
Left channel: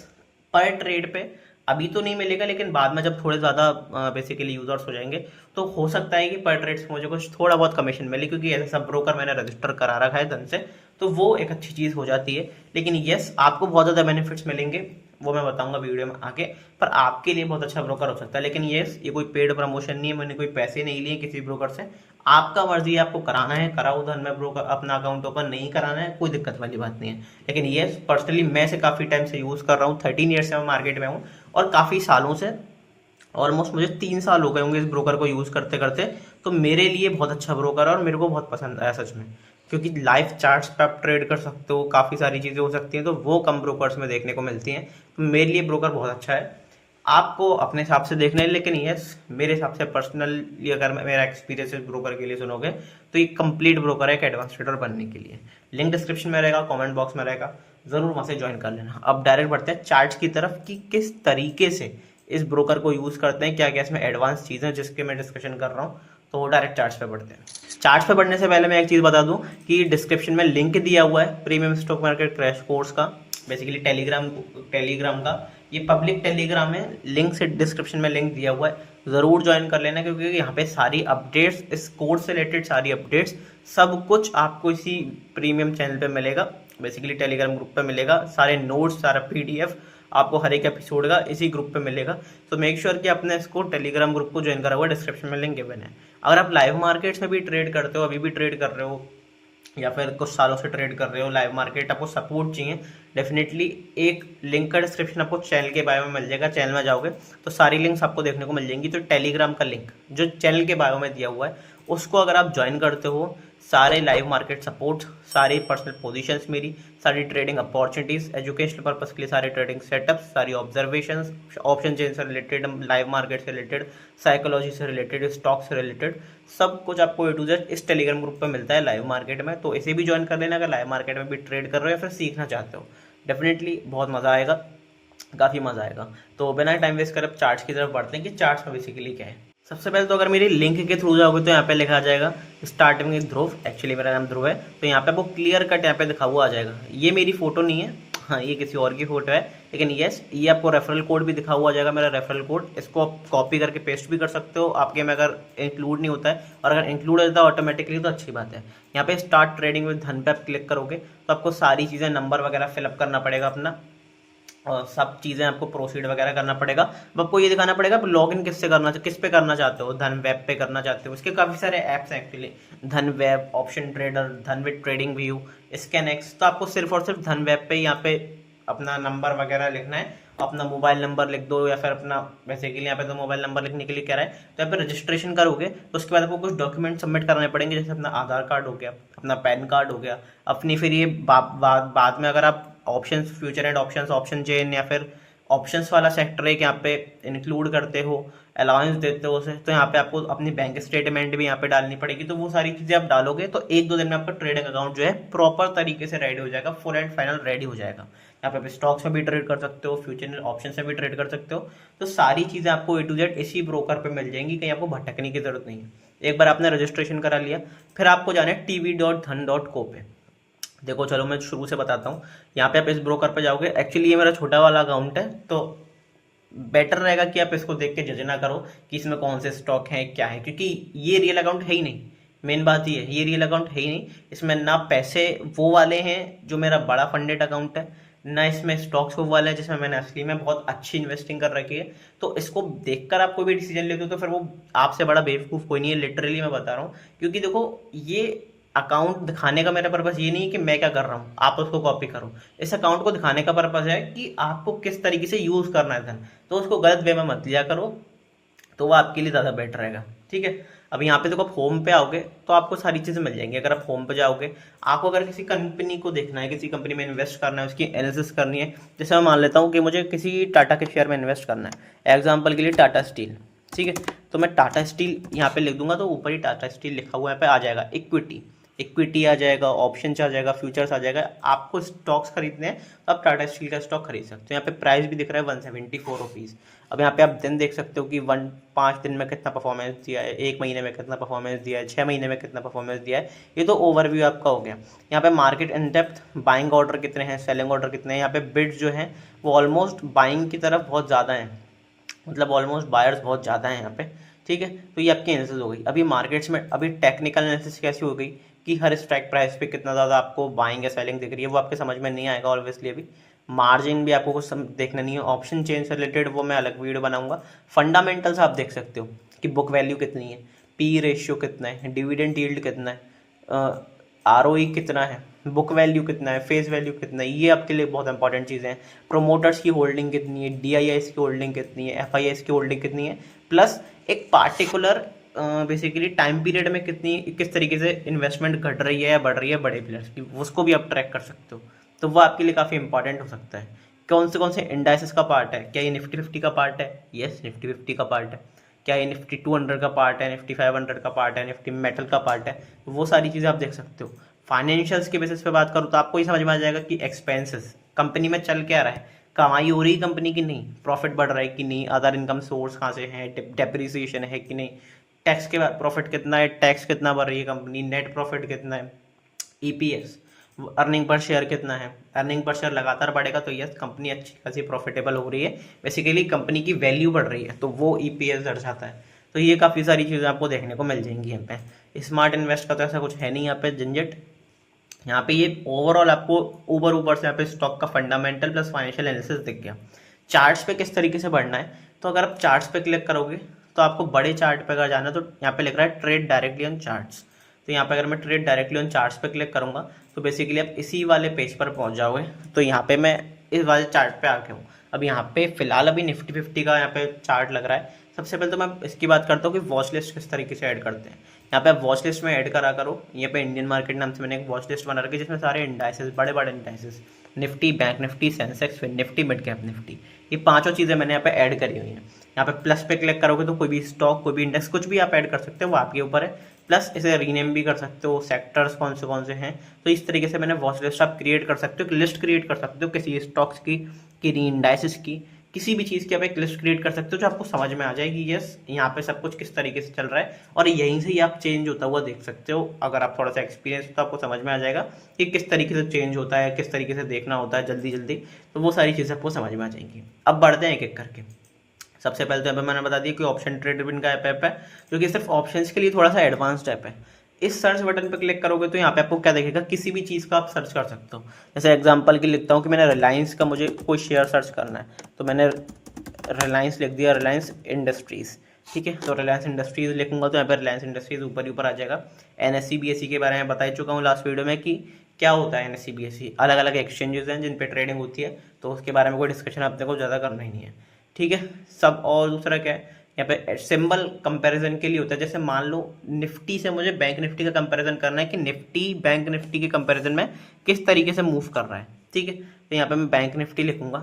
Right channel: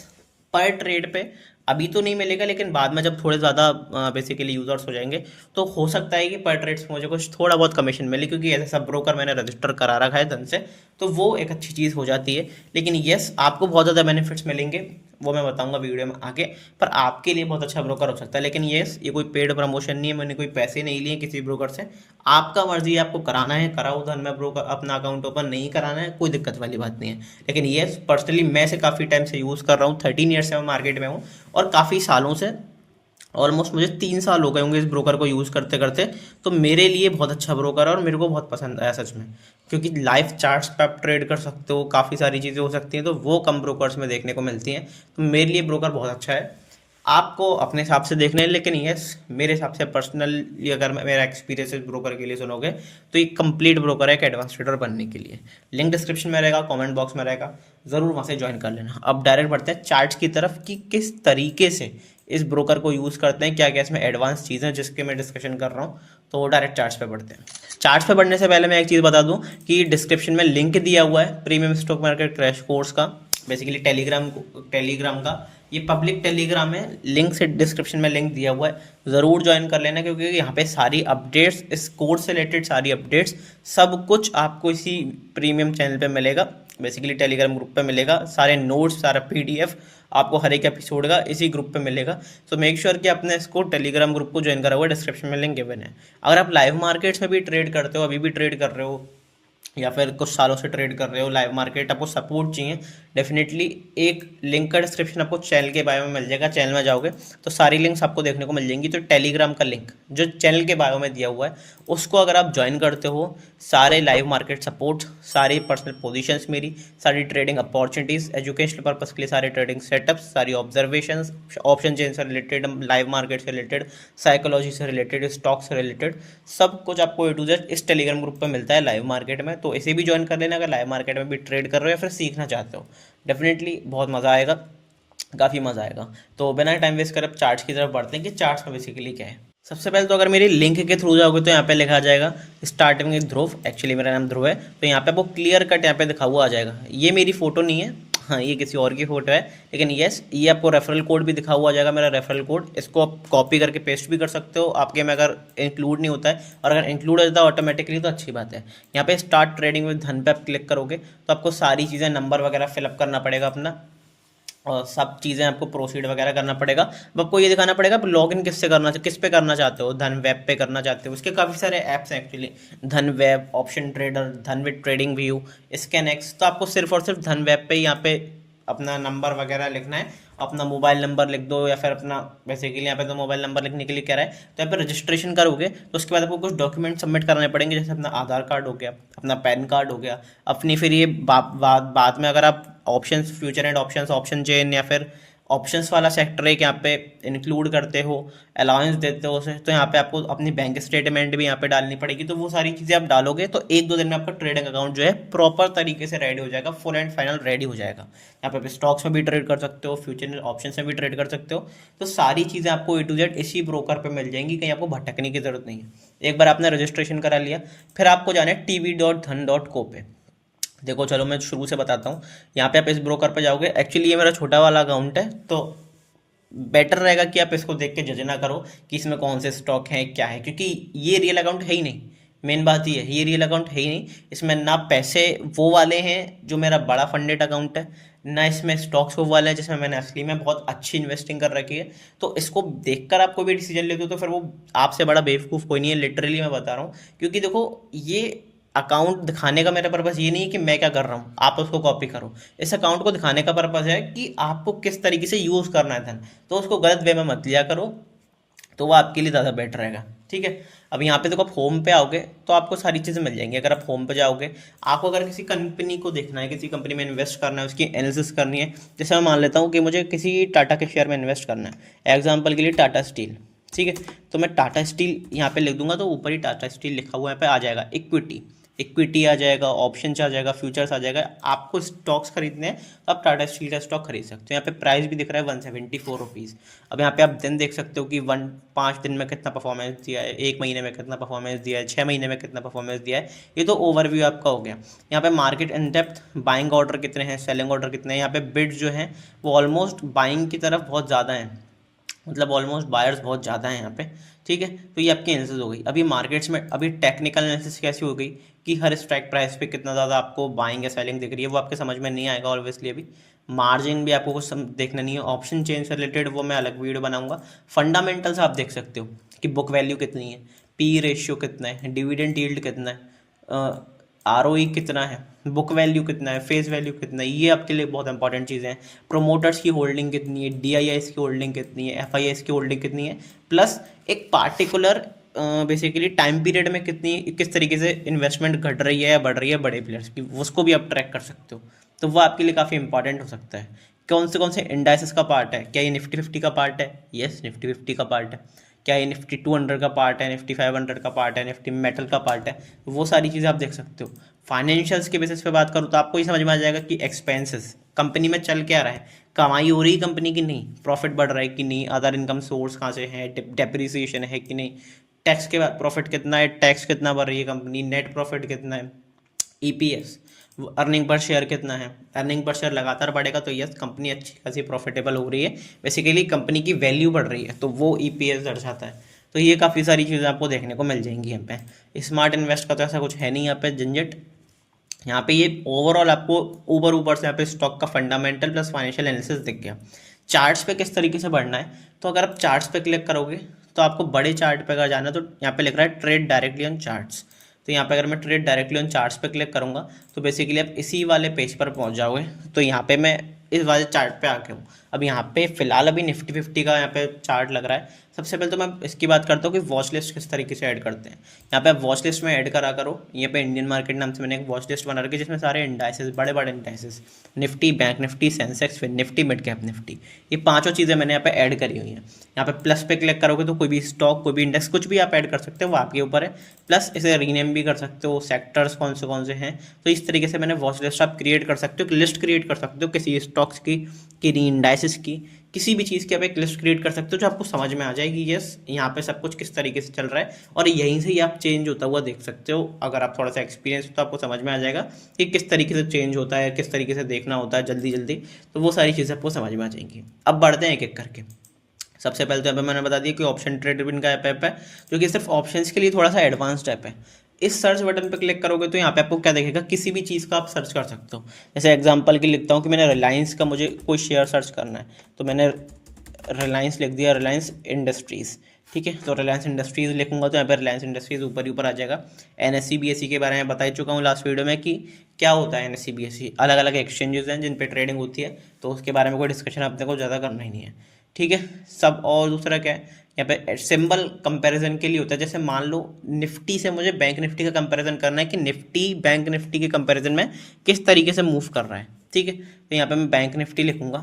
पर ट्रेड पे अभी तो नहीं मिलेगा, लेकिन बाद में जब थोड़े ज़्यादा बेसिकली यूज़र्स हो जाएंगे तो हो सकता है कि पर ट्रेड से मुझे कुछ थोड़ा बहुत कमीशन मिले, क्योंकि ऐसे सब ब्रोकर मैंने रजिस्टर करा रखा है धन से, तो वो एक अच्छी चीज़ हो जाती है। लेकिन यस, आपको बहुत ज़्यादा बेनिफिट्स मिलेंगे, वो मैं बताऊंगा वीडियो में आगे, पर आपके लिए बहुत अच्छा ब्रोकर हो सकता है। लेकिन यस, ये कोई पेड प्रमोशन नहीं है, मैंने कोई पैसे नहीं लिए किसी ब्रोकर से। आपका मर्जी है, आपको कराना है कराओ धन में ब्रोकर अपना अकाउंट ओपन, नहीं कराना है कोई दिक्कत वाली बात नहीं है। लेकिन यस, पर्सनली मैं इसे काफ़ी टाइम से यूज़ कर रहा हूँ, 13 ईयर्स से मैं मार्केट में हूँ, और काफ़ी सालों से, ऑलमोस्ट मुझे 3 साल हो गए होंगे इस ब्रोकर को यूज़ करते करते। तो मेरे लिए बहुत अच्छा ब्रोकर है और मेरे को बहुत पसंद आया सच में, क्योंकि लाइव चार्ट्स पे आप ट्रेड कर सकते हो, काफ़ी सारी चीज़ें हो सकती हैं, तो वो कम ब्रोकर्स में देखने को मिलती हैं। तो मेरे लिए ब्रोकर बहुत अच्छा है, आपको अपने हिसाब से देखना है। लेकिन यस, मेरे हिसाब से पर्सनली अगर मेरा एक्सपीरियंस इस ब्रोकर के लिए सुनोगे तो ये कंप्लीट ब्रोकर है एक एडवांस ट्रेडर बनने के लिए। लिंक डिस्क्रिप्शन में रहेगा, कमेंट बॉक्स में रहेगा, ज़रूर वहाँ से ज्वाइन कर लेना। अब डायरेक्ट बढ़ते हैं चार्ट्स की तरफ कि किस तरीके से इस ब्रोकर को यूज़ करते हैं, क्या क्या इसमें एडवांस चीज़ें जिसके मैं डिस्कशन कर रहा हूँ। तो डायरेक्ट चार्ट्स पे बढ़ते हैं। चार्ट्स पे बढ़ने से पहले मैं एक चीज़ बता दूं कि डिस्क्रिप्शन में लिंक दिया हुआ है premium stock market crash course का, बेसिकली टेलीग्राम का। ये पब्लिक टेलीग्राम है, लिंक से डिस्क्रिप्शन में लिंक दिया हुआ है, ज़रूर ज्वाइन कर लेना, क्योंकि यहाँ पे सारी अपडेट्स, इस कोर्स से रिलेटेड सारी अपडेट्स, सब कुछ आपको इसी प्रीमियम चैनल पे मिलेगा, बेसिकली टेलीग्राम ग्रुप पे मिलेगा। सारे नोट्स, सारा पीडीएफ आपको हर एक एपिसोड का इसी ग्रुप पे मिलेगा। तो मेक श्योर कि आपने इसको टेलीग्राम ग्रुप को ज्वाइन करा हुआ, डिस्क्रिप्शन में लिंक गिवन है। अगर आप लाइव मार्केट्स में भी ट्रेड करते हो, अभी भी ट्रेड कर रहे हो, या फिर कुछ सालों से ट्रेड कर रहे हो लाइव मार्केट, आपको सपोर्ट चाहिए, डेफिनेटली एक लिंक का डिस्क्रिप्शन आपको चैनल के बायो में मिल जाएगा। चैनल में जाओगे तो सारी लिंक्स आपको देखने को मिल जाएंगी। तो टेलीग्राम का लिंक जो चैनल के बायो में दिया हुआ है, उसको अगर आप ज्वाइन करते हो, सारे लाइव मार्केट सपोर्ट, सारी पर्सनल पोजीशंस मेरी, सारी ट्रेडिंग अपॉर्चुनिटीज़, एजुकेशनल पर्पस के लिए सारे ट्रेडिंग सेटअप्स, सारी ऑब्जर्वेशंस, ऑप्शन चेन से रिलेटेड, लाइव मार्केट से रिलेटेड, साइकोलॉजी से रिलेटेड, स्टॉक से रिलेटेड, सब कुछ आपको A to Z इस टेलीग्राम ग्रुप पर मिलता है लाइव मार्केट में। तो इसे भी ज्वाइन कर लेना अगर लाइव मार्केट में भी ट्रेड कर रहे हो या फिर सीखना चाहते हो। डेफिनेटली बहुत मज़ा आएगा, काफ़ी मज़ा आएगा। तो बिना टाइम वेस्ट कर अब चार्ट्स की तरफ बढ़ते हैं कि चार्ट्स में बेसिकली क्या है। सबसे पहले तो अगर मेरी लिंक के थ्रू जाओगे तो यहाँ पे लिखा आ जाएगा स्टार्टिंग विद ध्रुव, एक्चुअली मेरा नाम ध्रुव है। तो यहाँ पे आपको क्लियर कट यहाँ पे दिखा हुआ आ जाएगा। ये मेरी फ़ोटो नहीं है, हाँ ये किसी और की फ़ोटो है, लेकिन यस, ये आपको रेफरल कोड भी दिखा हुआ आ जाएगा, मेरा रेफरल कोड। इसको आप कॉपी करके पेस्ट भी कर सकते हो आपके में, अगर इंक्लूड नहीं होता है, और अगर इंक्लूड हो जाता है ऑटोमेटिकली तो अच्छी बात है। यहाँ पे स्टार्ट ट्रेडिंग विद धन पे आप क्लिक करोगे तो आपको सारी चीज़ें, नंबर वगैरह फिलअप करना पड़ेगा अपना, और सब चीज़ें आपको प्रोसीड वगैरह करना पड़ेगा। अब आपको ये दिखाना पड़ेगा लॉग इन किससे करना, किस पे करना चाहते हो, धन वेब पे करना चाहते हो, इसके काफ़ी सारे ऐप्स हैं एक्चुअली, धन वेब, ऑप्शन ट्रेडर, धन with trading view, scan x. तो आपको सिर्फ और सिर्फ धन वेब पे यहाँ पे अपना नंबर वगैरह लिखना है, अपना मोबाइल नंबर लिख दो, या फिर अपना, वैसे के लिए यहाँ पे तो मोबाइल नंबर लिखने के लिए कह रहा है। तो यहाँ पे रजिस्ट्रेशन करोगे तो उसके बाद आपको कुछ डॉक्यूमेंट सबमिट कराने पड़ेंगे, जैसे अपना आधार कार्ड हो गया, अपना पैन कार्ड हो गया, अपनी फिर ये बाद में अगर आप options, future and options, option chain या फिर ऑप्शंस वाला सेक्टर एक यहाँ पे इंक्लूड करते हो, अलाउंस देते हो उसे, तो यहाँ पे आपको अपनी बैंक स्टेटमेंट भी यहाँ पे डालनी पड़ेगी। तो वो सारी चीज़ें आप डालोगे तो 1-2 दिन में आपका ट्रेडिंग अकाउंट जो है प्रॉपर तरीके से रेडी हो जाएगा, फुल एंड फाइनल रेडी हो जाएगा। यहाँ पे आप स्टॉक्स में भी ट्रेड कर सकते हो, फ्यूचर ऑप्शन में भी ट्रेड कर सकते हो। तो सारी चीज़ें आपको A to Z इसी ब्रोकर पर मिल जाएंगी, कहीं आपको भटकने की जरूरत नहीं है। एक बार आपने रजिस्ट्रेशन करा लिया, फिर आपको जाना है tv.dhan.co पे। देखो चलो मैं शुरू से बताता हूँ। यहाँ पे आप इस ब्रोकर पे जाओगे, एक्चुअली ये मेरा छोटा वाला अकाउंट है, तो बेटर रहेगा कि आप इसको देख के जज ना करो कि इसमें कौन से स्टॉक हैं क्या है, क्योंकि ये रियल अकाउंट है ही नहीं। मेन बात ये है, ये रियल अकाउंट है ही नहीं, इसमें ना पैसे वो वाले हैं जो मेरा बड़ा फंडेड अकाउंट है, ना इसमें स्टॉक्स वो वाले हैं जिसमें मैंने असली में बहुत अच्छी इन्वेस्टिंग कर रखी है। तो इसको देखकर आप कोई भी डिसीजन लेते हो तो फिर वो आपसे बड़ा बेवकूफ़ कोई नहीं है, लिटरली मैं बता रहा हूँ। क्योंकि देखो, ये अकाउंट दिखाने का मेरा पर्पज़ ये नहीं है कि मैं क्या कर रहा हूँ आप उसको कॉपी करो। इस अकाउंट को दिखाने का पर्पज़ है कि आपको किस तरीके से यूज़ करना है धन, तो उसको गलत वे में मत लिया करो, तो वो आपके लिए ज़्यादा बेटर रहेगा। ठीक है। अब यहाँ पे देखो, आप होम पे आओगे तो आपको सारी चीज़ें मिल जाएंगी। अगर आप होम पे जाओगे, आपको अगर किसी कंपनी को देखना है, किसी कंपनी में इन्वेस्ट करना है, उसकी एनालिसिस करनी है, जैसे मैं मान लेता हूँ कि मुझे किसी टाटा के शेयर में इन्वेस्ट करना है, एग्जाम्पल के लिए टाटा स्टील। ठीक है। तो मैं टाटा स्टील यहाँ पे लिख दूंगा तो ऊपर ही टाटा स्टील लिखा हुआ यहाँ पे आ जाएगा। इक्विटी, इक्विटी आ जाएगा, ऑप्शंस आ जाएगा, फ्यूचर्स आ जाएगा। आपको स्टॉक्स खरीदने हैं तो आप टाटा स्टील का स्टॉक खरीद सकते हो। यहाँ पे प्राइस भी दिख रहा है 174 रुपीज़। अब यहाँ पे आप दिन देख सकते हो कि 5 दिन में कितना परफॉर्मेंस दिया है, 1 महीने में कितना परफॉर्मेंस दिया है, 6 महीने में कितना परफॉर्मेंस दिया है। ये तो ओवरव्यू आपका हो गया। यहाँ पे market in depth, buying order कितने हैं, सेलिंग ऑर्डर कितने हैं। यहाँ पे बिड जो है वो ऑलमोस्ट बाइंग की तरफ बहुत ज़्यादा है, मतलब ऑलमोस्ट बायर्स बहुत ज़्यादा हैं यहाँ पे। ठीक है। तो ये आपकी एनालिसिस हो गई। अभी मार्केट्स में अभी टेक्निकल एनालिसिस कैसी हो गई कि हर स्ट्राइक प्राइस पे कितना ज़्यादा आपको बाइंग या सेलिंग दिख रही है, वो आपके समझ में नहीं आएगा ऑब्वियसली। अभी मार्जिन भी आपको कुछ देखना नहीं है। ऑप्शन चेंज से रिलेटेड वो मैं अलग वीडियो बनाऊंगा। फंडामेंटल्स आप देख सकते हो कि बुक वैल्यू कितनी है, पी रेशियो कितना है, डिविडेंड यील्ड कितना है, आरओई कितना है, बुक वैल्यू कितना है, फेस वैल्यू कितना है। ये आपके लिए बहुत इंपॉर्टेंट चीज़ें हैं। प्रोमोटर्स की होल्डिंग कितनी है, डीआईआईस की होल्डिंग कितनी है, एफआईआईस की होल्डिंग कितनी है, प्लस एक पार्टिकुलर बेसिकली टाइम पीरियड में कितनी किस तरीके से इन्वेस्टमेंट घट रही है या बढ़ रही है बड़े प्लेयर्स की, उसको भी आप ट्रैक कर सकते हो। तो वो आपके लिए काफ़ी इंपॉर्टेंट हो सकता है। कौन से इंडाइसिस का पार्ट है, क्या ये निफ्टी 50 का पार्ट है? यस, निफ्टी 50 का पार्ट है। क्या ये निफ्टी 200 का पार्ट है, निफ्टी 500 का पार्ट है, निफ्टी मेटल का पार्ट है? वो सारी चीज़ें आप देख सकते हो। फाइनेंशियल्स के बेसिस पे बात करूँ तो आपको ही समझ में आ जाएगा कि एक्सपेंसेस कंपनी में चल क्या रहा है, कमाई हो रही है कंपनी की नहीं, प्रॉफिट बढ़ रहा है कि नहीं, अदर इनकम सोर्स कहाँ से है, डेप्रिसिएशन है कि नहीं, टैक्स के बाद प्रॉफिट कितना है, टैक्स कितना भर रही है कंपनी, नेट प्रॉफिट कितना है, ईपीएस, अर्निंग पर शेयर कितना है। अर्निंग पर शेयर लगातार बढ़ेगा तो यस, कंपनी अच्छी खासी प्रॉफिटेबल हो रही है, बेसिकली कंपनी की वैल्यू बढ़ रही है, तो वो ईपीएस दर्शाता है। तो ये काफ़ी सारी चीज़ें आपको देखने को मिल जाएंगी यहाँ पे। स्मार्ट इन्वेस्ट का तो ऐसा कुछ है नहीं यहाँ पे झंझट। यहाँ पे ये ओवरऑल आपको ऊपर ऊपर से यहाँ पे स्टॉक का फंडामेंटल प्लस फाइनेंशियल एनालिसिस दिख गया। चार्ट्स पे किस तरीके से बढ़ना है, तो अगर आप चार्ट्स पे क्लिक करोगे तो आपको बड़े चार्ट पे अगर जाना है तो यहाँ पे लिख रहा है ट्रेड डायरेक्टली ऑन चार्ट्स। तो यहाँ पे अगर मैं ट्रेड डायरेक्टली ऑन चार्ट्स पे क्लिक करूँगा तो बेसिकली आप इसी वाले पेज पर पहुँच जाओगे। तो यहाँ पे मैं इस वाले चार्ट पे आके हूँ। अब यहाँ पे फिलहाल अभी निफ्टी 50 का यहाँ पे चार्ट लग रहा है। सबसे पहले तो मैं इसकी बात करता हूँ कि वॉच लिस्ट किस तरीके से ऐड करते हैं। यहाँ पे आप वॉच लिस्ट में ऐड करा करो। यहाँ पे इंडियन मार्केट नाम से मैंने एक वॉच लिस्ट बना रखी है जिसमें सारे इंडाइसेस, बड़े बड़े indices, Nifty, bank Nifty, Sensex, फिर निफ्टी, मिड कैप निफ्टी, ये पांचों चीज़ें मैंने यहाँ पे ऐड करी हुई हैं। यहाँ पे प्लस पे क्लिक करोगे तो कोई भी स्टॉक, कोई भी इंडेक्स, कुछ भी आप ऐड कर सकते हो, वो आपके ऊपर है। प्लस इसे रीनेम भी कर सकते हो, सेक्टर्स कौन से हैं। तो इस तरीके से मैंने वॉच लिस्ट आप क्रिएट कर सकते हो, एक लिस्ट क्रिएट कर सकते हो किसी स्टॉक्स की, किसी इंडाइसिस की, किसी भी चीज़ की आप एक लिस्ट क्रिएट कर सकते हो जो आपको समझ में आ जाएगी। यस, यहाँ पे सब कुछ किस तरीके से चल रहा है और यहीं से ही आप चेंज होता हुआ देख सकते हो। अगर आप थोड़ा सा एक्सपीरियंस हो तो आपको समझ में आ जाएगा कि किस तरीके से चेंज होता है, किस तरीके से देखना होता है जल्दी जल्दी। तो वो सारी चीज़ें आपको समझ में आ जाएंगी। अब बढ़ते हैं एक एक करके। सबसे पहले तो यहाँ पे मैंने बता दिया कि ऑप्शन ट्रेड का ऐप है जो कि सिर्फ ऑप्शंस के लिए थोड़ा सा एडवांस्ड ऐप है। इस सर्च बटन पे क्लिक करोगे तो यहाँ पे आपको क्या दिखेगा, किसी भी चीज़ का आप सर्च कर सकते हो। जैसे एग्जांपल के लिखता हूँ कि मैंने रिलायंस का मुझे कोई शेयर सर्च करना है, तो मैंने रिलायंस लिख दिया, रिलायंस इंडस्ट्रीज़। ठीक है। तो रिलायंस इंडस्ट्रीज़ लिखूंगा तो यहाँ पर रिलायंस इंडस्ट्रीज़ ऊपर ही ऊपर आ जाएगा। एनएससी बीएससी के बारे में बता चुका हूँ लास्ट वीडियो में कि क्या होता है एनएससी बीएससी। अलग अलग एक्सचेंजेस हैं जिन पे ट्रेडिंग होती है, तो उसके बारे में कोई डिस्कशन अपने को ज़्यादा करना ही नहीं है। ठीक है सब। और दूसरा क्या है, यहाँ पे सिंबल कंपैरिजन के लिए होता है। जैसे मान लो निफ्टी से मुझे बैंक निफ्टी का कंपैरिजन करना है कि निफ्टी बैंक निफ्टी के कंपैरिजन में किस तरीके से मूव कर रहा है। ठीक है। तो यहाँ पे मैं बैंक निफ्टी लिखूंगा,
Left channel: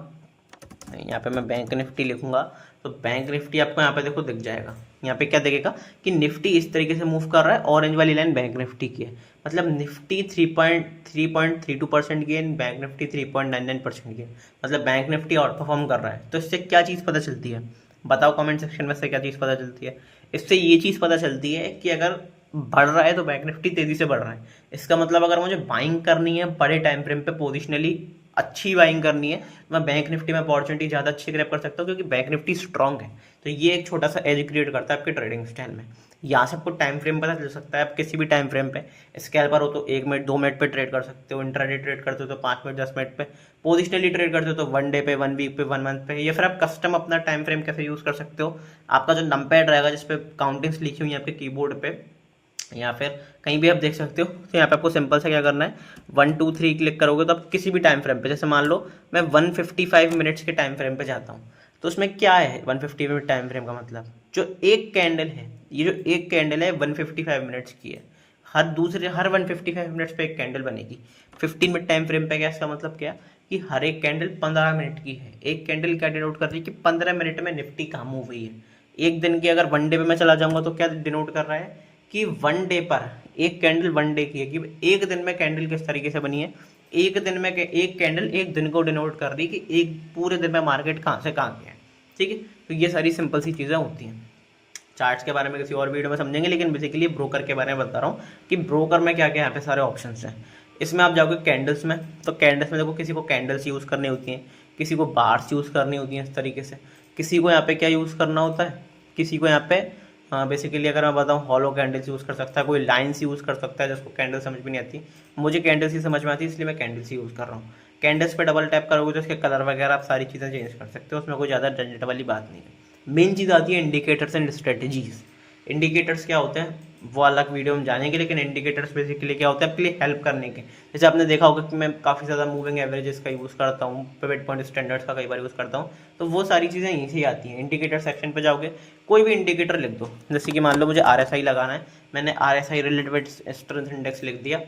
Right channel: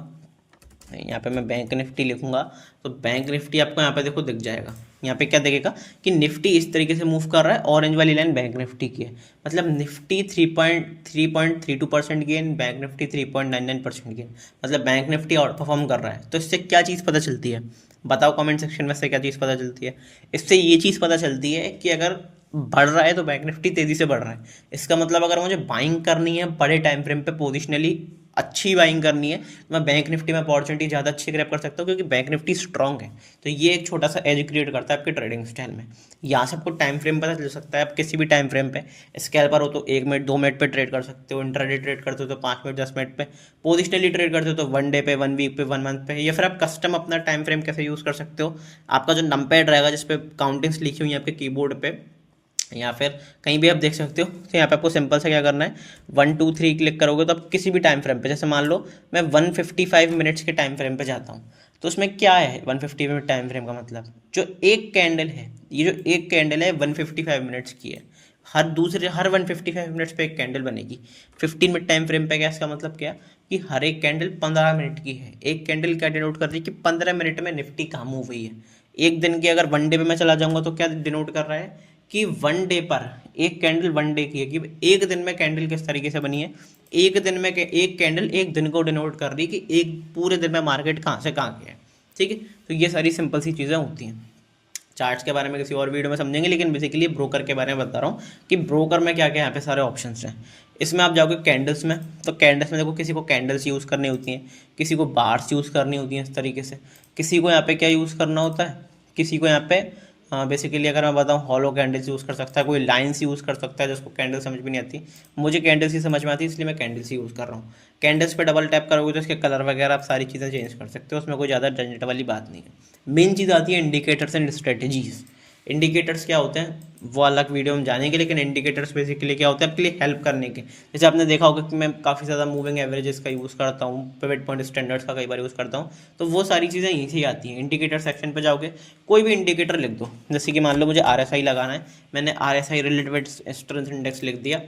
यहाँ पे मैं बैंक निफ्टी लिखूंगा तो बैंक निफ्टी आपको यहाँ पे देखो दिख जाएगा। यहाँ पे क्या दिखेगा कि निफ्टी इस तरीके से मूव कर रहा है, ऑरेंज वाली लाइन बैंक निफ्टी की है, मतलब Nifty 3.32% gain, bank Nifty 3.99% gain, मतलब बैंक निफ्टी आउट परफॉर्म कर रहा है। तो इससे क्या चीज़ पता चलती है, बताओ कमेंट सेक्शन में से क्या चीज़ पता चलती है। इससे ये चीज़ पता चलती है कि अगर बढ़ रहा है तो बैंक निफ्टी तेज़ी से बढ़ रहा है, इसका मतलब अगर मुझे बाइंग करनी है बड़े टाइम फ्रेम पे पोजिशनली अच्छी बाइंग करनी है, मैं बैंक निफ्टी में अपॉर्चुनिटी ज़्यादा अच्छी ग्रैब कर सकता हूँ क्योंकि बैंक निफ्टी स्ट्रॉन्ग है। तो ये एक छोटा सा एज क्रिएट करता है आपके ट्रेडिंग स्टाइल में। यहाँ से आपको टाइम फ्रेम पता चल सकता है, आप किसी भी टाइम फ्रेम पे स्कैल्पर हो तो 1 मिनट 2 मिनट पे ट्रेड कर सकते हो, इंट्राडे ट्रेड करते हो तो 5 मिनट 10 मिनट पे, पोजिशनली ट्रेड करते हो तो 1 डे पे, 1 वीक पे, 1 मंथ पे, या फिर आप कस्टम अपना टाइम फ्रेम कैसे यूज़ कर सकते हो। आपका जो नंपैड रहेगा जिसपे काउंटिंग्स लिखी हुई है आपके कीबोर्ड पे या फिर कहीं भी आप देख सकते हो, तो यहाँ पे आपको सिंपल से क्या करना है, 1 2 3 क्लिक करोगे तो आप किसी भी टाइम फ्रेम पे, जैसे मान लो मैं 155 मिनट्स के टाइम फ्रेम पे जाता हूँ, तो उसमें क्या है 150 मिनट टाइम फ्रेम का मतलब, जो एक कैंडल है, ये जो एक कैंडल है 155 मिनट्स की है, हर 155 मिनट्स पे एक कैंडल बनेगी। 15 मिनट टाइम फ्रेम पे क्या, इसका मतलब क्या कि हर एक कैंडल 15 मिनट की है। एक कैंडल क्या डिनोट कर रही है कि 15 मिनट में निफ्टी कहाँ मूव हुई है। एक दिन की अगर 1 डे पे मैं चला जाऊंगा तो क्या डिनोट कर रहा है कि 1 डे पर एक कैंडल 1 डे की है, कि एक दिन में कैंडल किस तरीके से बनी है। एक दिन में एक कैंडल एक दिन को डिनोट कर रही है कि एक पूरे दिन में मार्केट कहाँ से कहाँ गया है। ठीक है, तो ये सारी सिंपल सी चीज़ें होती हैं। चार्ट्स के बारे में किसी और वीडियो में समझेंगे, लेकिन बेसिकली ब्रोकर के बारे में बता रहा हूँ कि ब्रोकर में क्या क्या यहाँ पे सारे ऑप्शंस हैं। इसमें आप जाओगे कैंडल्स में, तो कैंडल्स में देखो किसी को कैंडल्स यूज़ करनी होती हैं, किसी को बार्स यूज़ करनी होती हैं इस तरीके से, किसी को यहाँ पे क्या यूज़ करना होता है, किसी को यहाँ पे बेसिकली अगर मैं बताऊँ हॉलो कैंडल्स यूज़ कर सकता है, कोई लाइन्स यूज़ कर सकता है जिसको कैंडल समझ भी नहीं आती। मुझे कैंडल्स ही समझ में आती है इसलिए मैं कैंडल्स ही यूज़ कर रहा हूँ। कैंडल्स पे डबल टैप करोगे तो इसके कलर वगैरह आप सारी चीज़ें चेंज कर सकते हो, उसमें कोई ज़्यादा झंझट वाली बात नहीं है। मेन चीज़ आती है इंडिकेटर्स एंड स्ट्रेटजीज़। इंडिकेटर्स क्या होते हैं वो अलग वीडियो में जानेंगे, लेकिन इंडिकेटर्स बेसिकली क्या होता है आपके लिए हेल्प करने के। जैसे आपने देखा होगा कि मैं काफ़ी ज़्यादा मूविंग एवरेजेस का यूज़ करता हूँ, पिवट पॉइंट स्टैंडर्ड्स का कई बार यूज़ करता हूँ, तो वो सारी चीज़ें यहीं से आती हैं। इंडिकेटर सेक्शन पे जाओगे, कोई भी इंडिकेटर लिख दो, जैसे कि मान लो मुझे RSI लगाना है, मैंने RSI रिलेटेड स्ट्रेंथ इंडेक्स लिख दिया,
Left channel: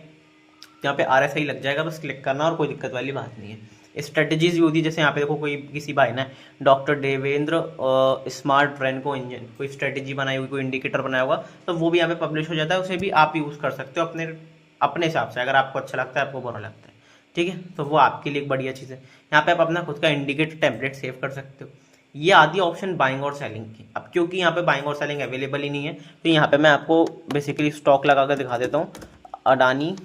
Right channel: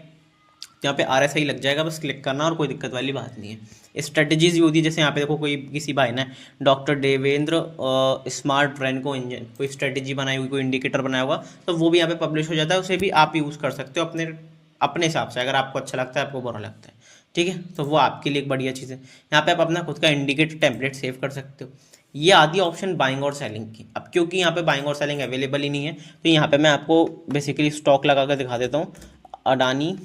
यहाँ पे RSI लग जाएगा, बस क्लिक करना और कोई दिक्कत वाली बात नहीं है। स्ट्रेटजीज भी होती है, जैसे यहाँ पे देखो कोई किसी भाई ने डॉक्टर देवेंद्र स्मार्ट रेनको इंजन कोई स्ट्रेटजी बनाई हुई, कोई इंडिकेटर बनाया हुआ, तो वो भी यहाँ पे पब्लिश हो जाता है, उसे भी आप यूज़ कर सकते हो अपने अपने हिसाब से, अगर आपको अच्छा लगता है, आपको बुरा लगता है। ठीक है, तो वो आपके लिए एक बढ़िया चीज़ है। यहाँ पे आप अपना खुद का इंडिकेटर टेम्पलेट सेव कर सकते हो। ये आदि ऑप्शन बाइंग और सेलिंग की। अब क्योंकि यहाँ पे बाइंग और सेलिंग अवेलेबल ही नहीं है, तो यहाँ पे मैं आपको बेसिकली स्टॉक लगा कर दिखा देता हूँ। अडानी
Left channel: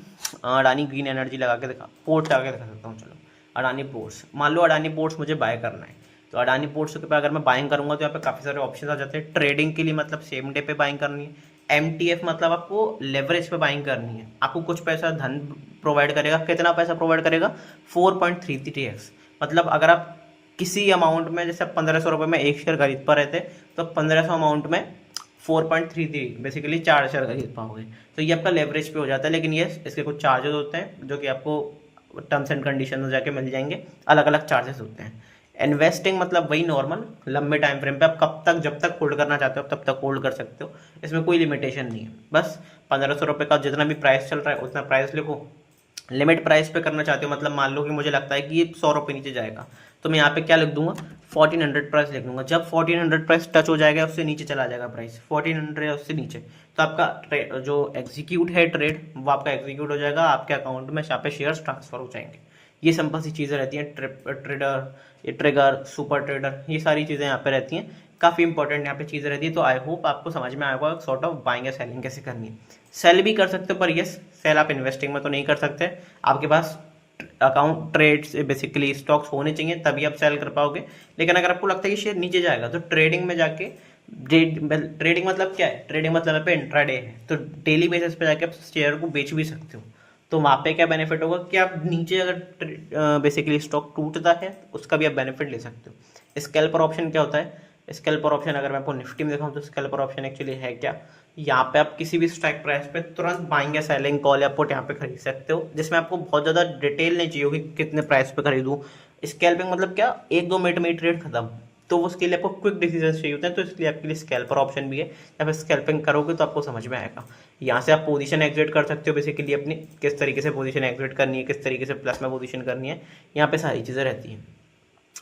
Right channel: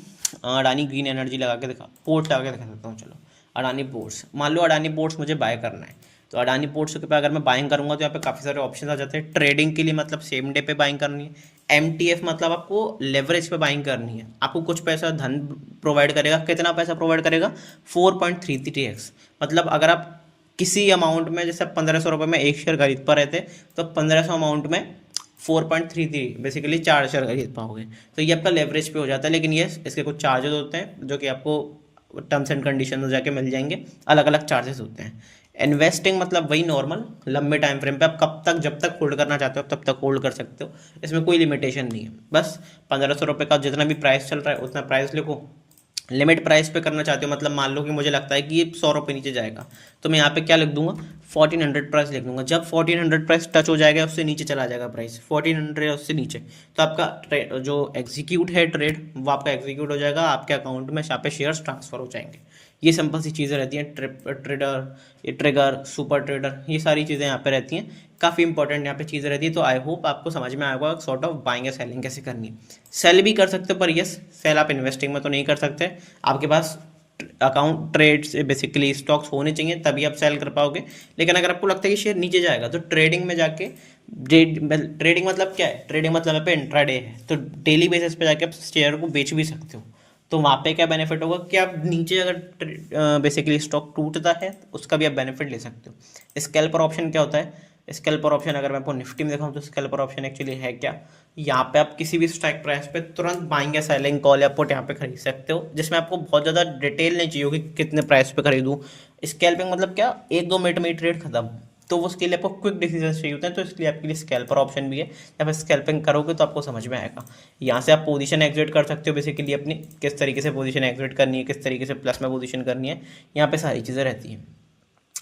अडानी ग्रीन एनर्जी लगा के दिखा, पोर्ट्स लगा के दिखा सकता हूँ। चलो अडानी पोर्ट्स, मान लो अडानी पोर्ट्स मुझे बाय करना है, तो अडानी पोर्ट्स के पे अगर मैं बाइंग करूँगा तो यहाँ पे काफ़ी सारे ऑप्शन आ जाते हैं। ट्रेडिंग के लिए मतलब सेम डे पे बाइंग करनी है। MTF मतलब आपको लेवरेज पे बाइंग करनी है, आपको कुछ पैसा धन प्रोवाइड करेगा। कितना पैसा प्रोवाइड करेगा? 4.33x। मतलब अगर आप किसी अमाउंट में, जैसे 1500 रुपये में एक शेयर खरीद पा रहे थे, तो 1500 अमाउंट में 4.33 बेसिकली 4 शेयर खरीद पाओगे। तो ये आपका लेवरेज पे हो जाता है, लेकिन ये इसके कुछ चार्जेस होते हैं जो कि आपको टर्म्स एंड कंडीशन में जाके मिल जाएंगे, अलग अलग चार्जेस होते हैं। इन्वेस्टिंग मतलब वही नॉर्मल लंबे टाइम फ्रेम पे आप कब तक, जब तक होल्ड करना चाहते हो तब तक होल्ड कर सकते हो, इसमें कोई लिमिटेशन नहीं है। बस 1500 रुपये का जितना भी प्राइस चल रहा है उतना प्राइस लिखो। लिमिट प्राइस पे करना चाहते हो, मतलब मान लो कि मुझे लगता है कि ये 100 रुपये नीचे जाएगा, तो मैं यहाँ पे क्या लिख दूंगा, 1400 प्राइस लिख दूंगा। जब 1400 प्राइस टच हो जाएगा, उससे नीचे चला जाएगा प्राइस 1400 या उससे नीचे, तो आपका जो एग्जीक्यूट है ट्रेड वो आपका एग्जीक्यूट हो जाएगा, आपके अकाउंट में यहाँ पे शेयर्स ट्रांसफर हो जाएंगे। ये सिंपल सी चीज़ें रहती हैं। ट्रेडर, ये ट्रिगर, सुपर ट्रेडर, ये सारी चीज़ें यहाँ पे रहती हैं, काफ़ी इंपॉर्टेंट यहाँ पे चीज़ें रहती है। तो आई होप आपको समझ में आएगा सॉर्ट ऑफ बाइंग या सेलिंग कैसे करनी है। सेल भी कर सकते हो, पर यस सेल आप इन्वेस्टिंग में तो नहीं कर सकते, आपके पास अकाउंट ट्रेड से बेसिकली स्टॉक्स होने चाहिए तभी आप सेल कर पाओगे। लेकिन अगर आपको लगता है कि शेयर नीचे जाएगा तो ट्रेडिंग में जाके, ट्रेडिंग मतलब क्या है, ट्रेडिंग मतलब पे इंट्राडे है, तो डेली बेसिस पे जाके आप शेयर को बेच भी सकते हो। तो वहाँ पे क्या बेनिफिट होगा कि आप नीचे अगर बेसिकली स्टॉक टूटता है उसका भी आप बेनिफिट ले सकते हो। स्कैल्पर ऑप्शन क्या होता है? स्कैल्पर ऑप्शन अगर मैं आपको निफ्टी में दिखाऊं तो स्कैल्पर ऑप्शन एक्चुअली है क्या, यहाँ पे आप किसी भी स्ट्राइक प्राइस पे तुरंत बाइंग या सेलिंग कॉल या पुट यहाँ पे खरीद सकते हो, जिसमें आपको बहुत ज़्यादा डिटेल नहीं चाहिए कि कितने प्राइस पे खरीदूँ। स्कैल्पिंग मतलब क्या, 1 2 मिनट में ही ट्रेड खत्म, तो उसके लिए आपको क्विक डिसीजन चाहिए होते हैं, तो इसलिए आपके लिए स्कैल्पर ऑप्शन भी है। जब आप स्कैल्पिंग करोगे तो आपको समझ में आएगा। यहाँ से आप पोजीशन एग्जिट कर सकते हो, बेसिकली अपनी किस तरीके से पोजीशन एग्जिट करनी है, किस तरीके से प्लस में पोजीशन करनी है, यहाँ पे सारी चीज़ें रहती हैं।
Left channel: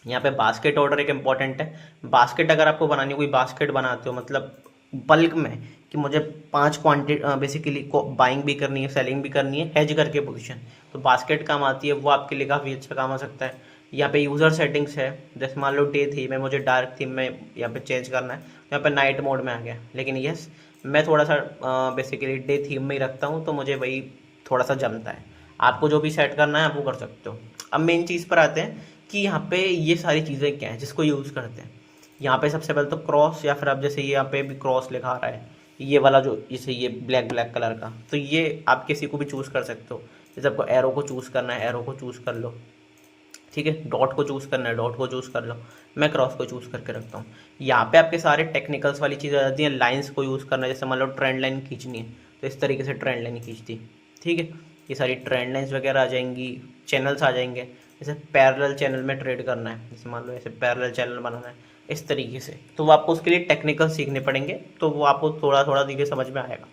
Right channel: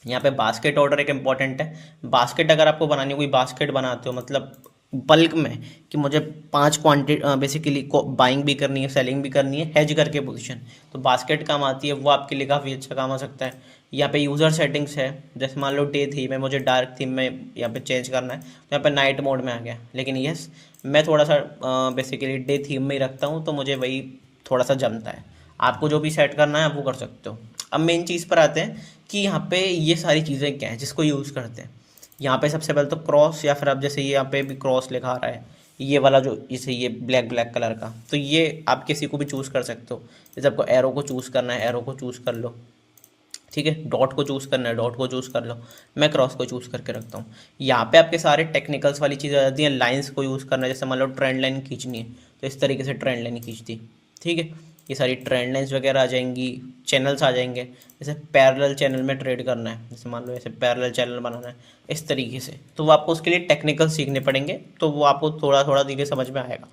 यहाँ पे बास्केट ऑर्डर एक इंपॉर्टेंट है। बास्केट अगर आपको बनानी, कोई बास्केट बनाते हो मतलब बल्क में, कि मुझे 5 क्वांटिटी बेसिकली बाइंग भी करनी है, सेलिंग भी करनी है, हेज करके पोजीशन, तो बास्केट काम आती है, वो आपके लिए काफ़ी अच्छा काम आ सकता है। यहाँ पे यूज़र सेटिंग्स है, जैसे मान लो डे थीम है, मुझे डार्क थीम में यहाँ पे चेंज करना है, तो यहाँ पे नाइट मोड में आ गया। लेकिन यस मैं थोड़ा सा बेसिकली डे थीम में ही रखता हूँ, तो मुझे वही थोड़ा सा जमता है। आपको जो भी सेट करना है आप वो कर सकते हो। अब मेन चीज़ पर आते हैं कि यहाँ पे ये सारी चीज़ें क्या हैं जिसको यूज़ करते हैं। यहाँ पे सबसे पहले तो क्रॉस, या फिर अब जैसे ये यहाँ पे भी क्रॉस लिखा आ रहा है, ये वाला जो जैसे ये ब्लैक ब्लैक कलर का, तो ये आप किसी को भी चूज़ कर सकते हो। जैसे आपको एरो को चूज़ करना है, एरो को चूज़ कर लो, ठीक है। डॉट को चूज़ करना है, डॉट को चूज़ कर लो। मैं क्रॉस को चूज़ करके रखता हूँ। यहाँ पे आपके सारे टेक्निकल्स वाली चीज़ें आ जाती हैं। लाइंस को यूज़ करना है, जैसे मान लो ट्रेंड लाइन खींचनी है तो इस तरीके से ट्रेंड लाइन खींच दी, ठीक है। ये सारी ट्रेंड लाइन्स वगैरह आ जाएंगी, चैनल्स आ जाएंगे। जैसे पैरेलल चैनल में ट्रेड करना है, जैसे मान लो ऐसे पैरेलल चैनल बनाना है इस तरीके से, तो वो आपको उसके लिए टेक्निकल सीखने पड़ेंगे, तो वो आपको थोड़ा थोड़ा धीरे समझ में आएगा।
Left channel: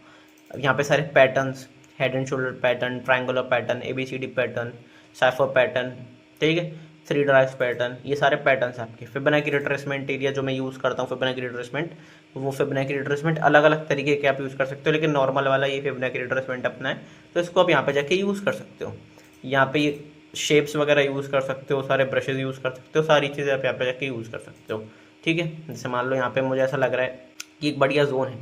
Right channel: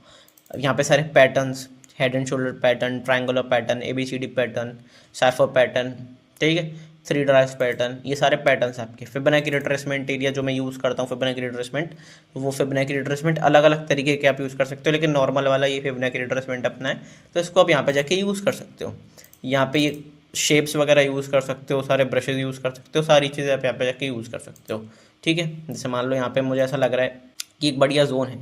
अब यहाँ पे सारे patterns, head and shoulder pattern, triangular pattern, ABCD pattern, cipher pattern, ठीक है, थ्री ड्राइव्स पैटर्न, ये सारे पैटर्न्स आपके। फिबोनाची रिट्रेसमेंट एरिया जो मैं यूज़ करता हूँ, फिबोनाची रिट्रेसमेंट, वो फिबोनाची रिट्रेसमेंट अलग अलग तरीके के आप यूज़ कर सकते हो, लेकिन नॉर्मल वाला ये फिबोनाची रिट्रेसमेंट अपना है, तो इसको आप यहाँ पे जाके यूज़ कर सकते हो। यहाँ पे ये शेप्स वगैरह यूज़ कर सकते हो, सारे ब्रशेज यूज़ कर सकते हो, सारी चीज़ें आप यहाँ पे जाके यूज़ कर सकते हो, ठीक है। जैसे मान लो यहाँ पे मुझे ऐसा लग रहा है कि एक बढ़िया जोन है,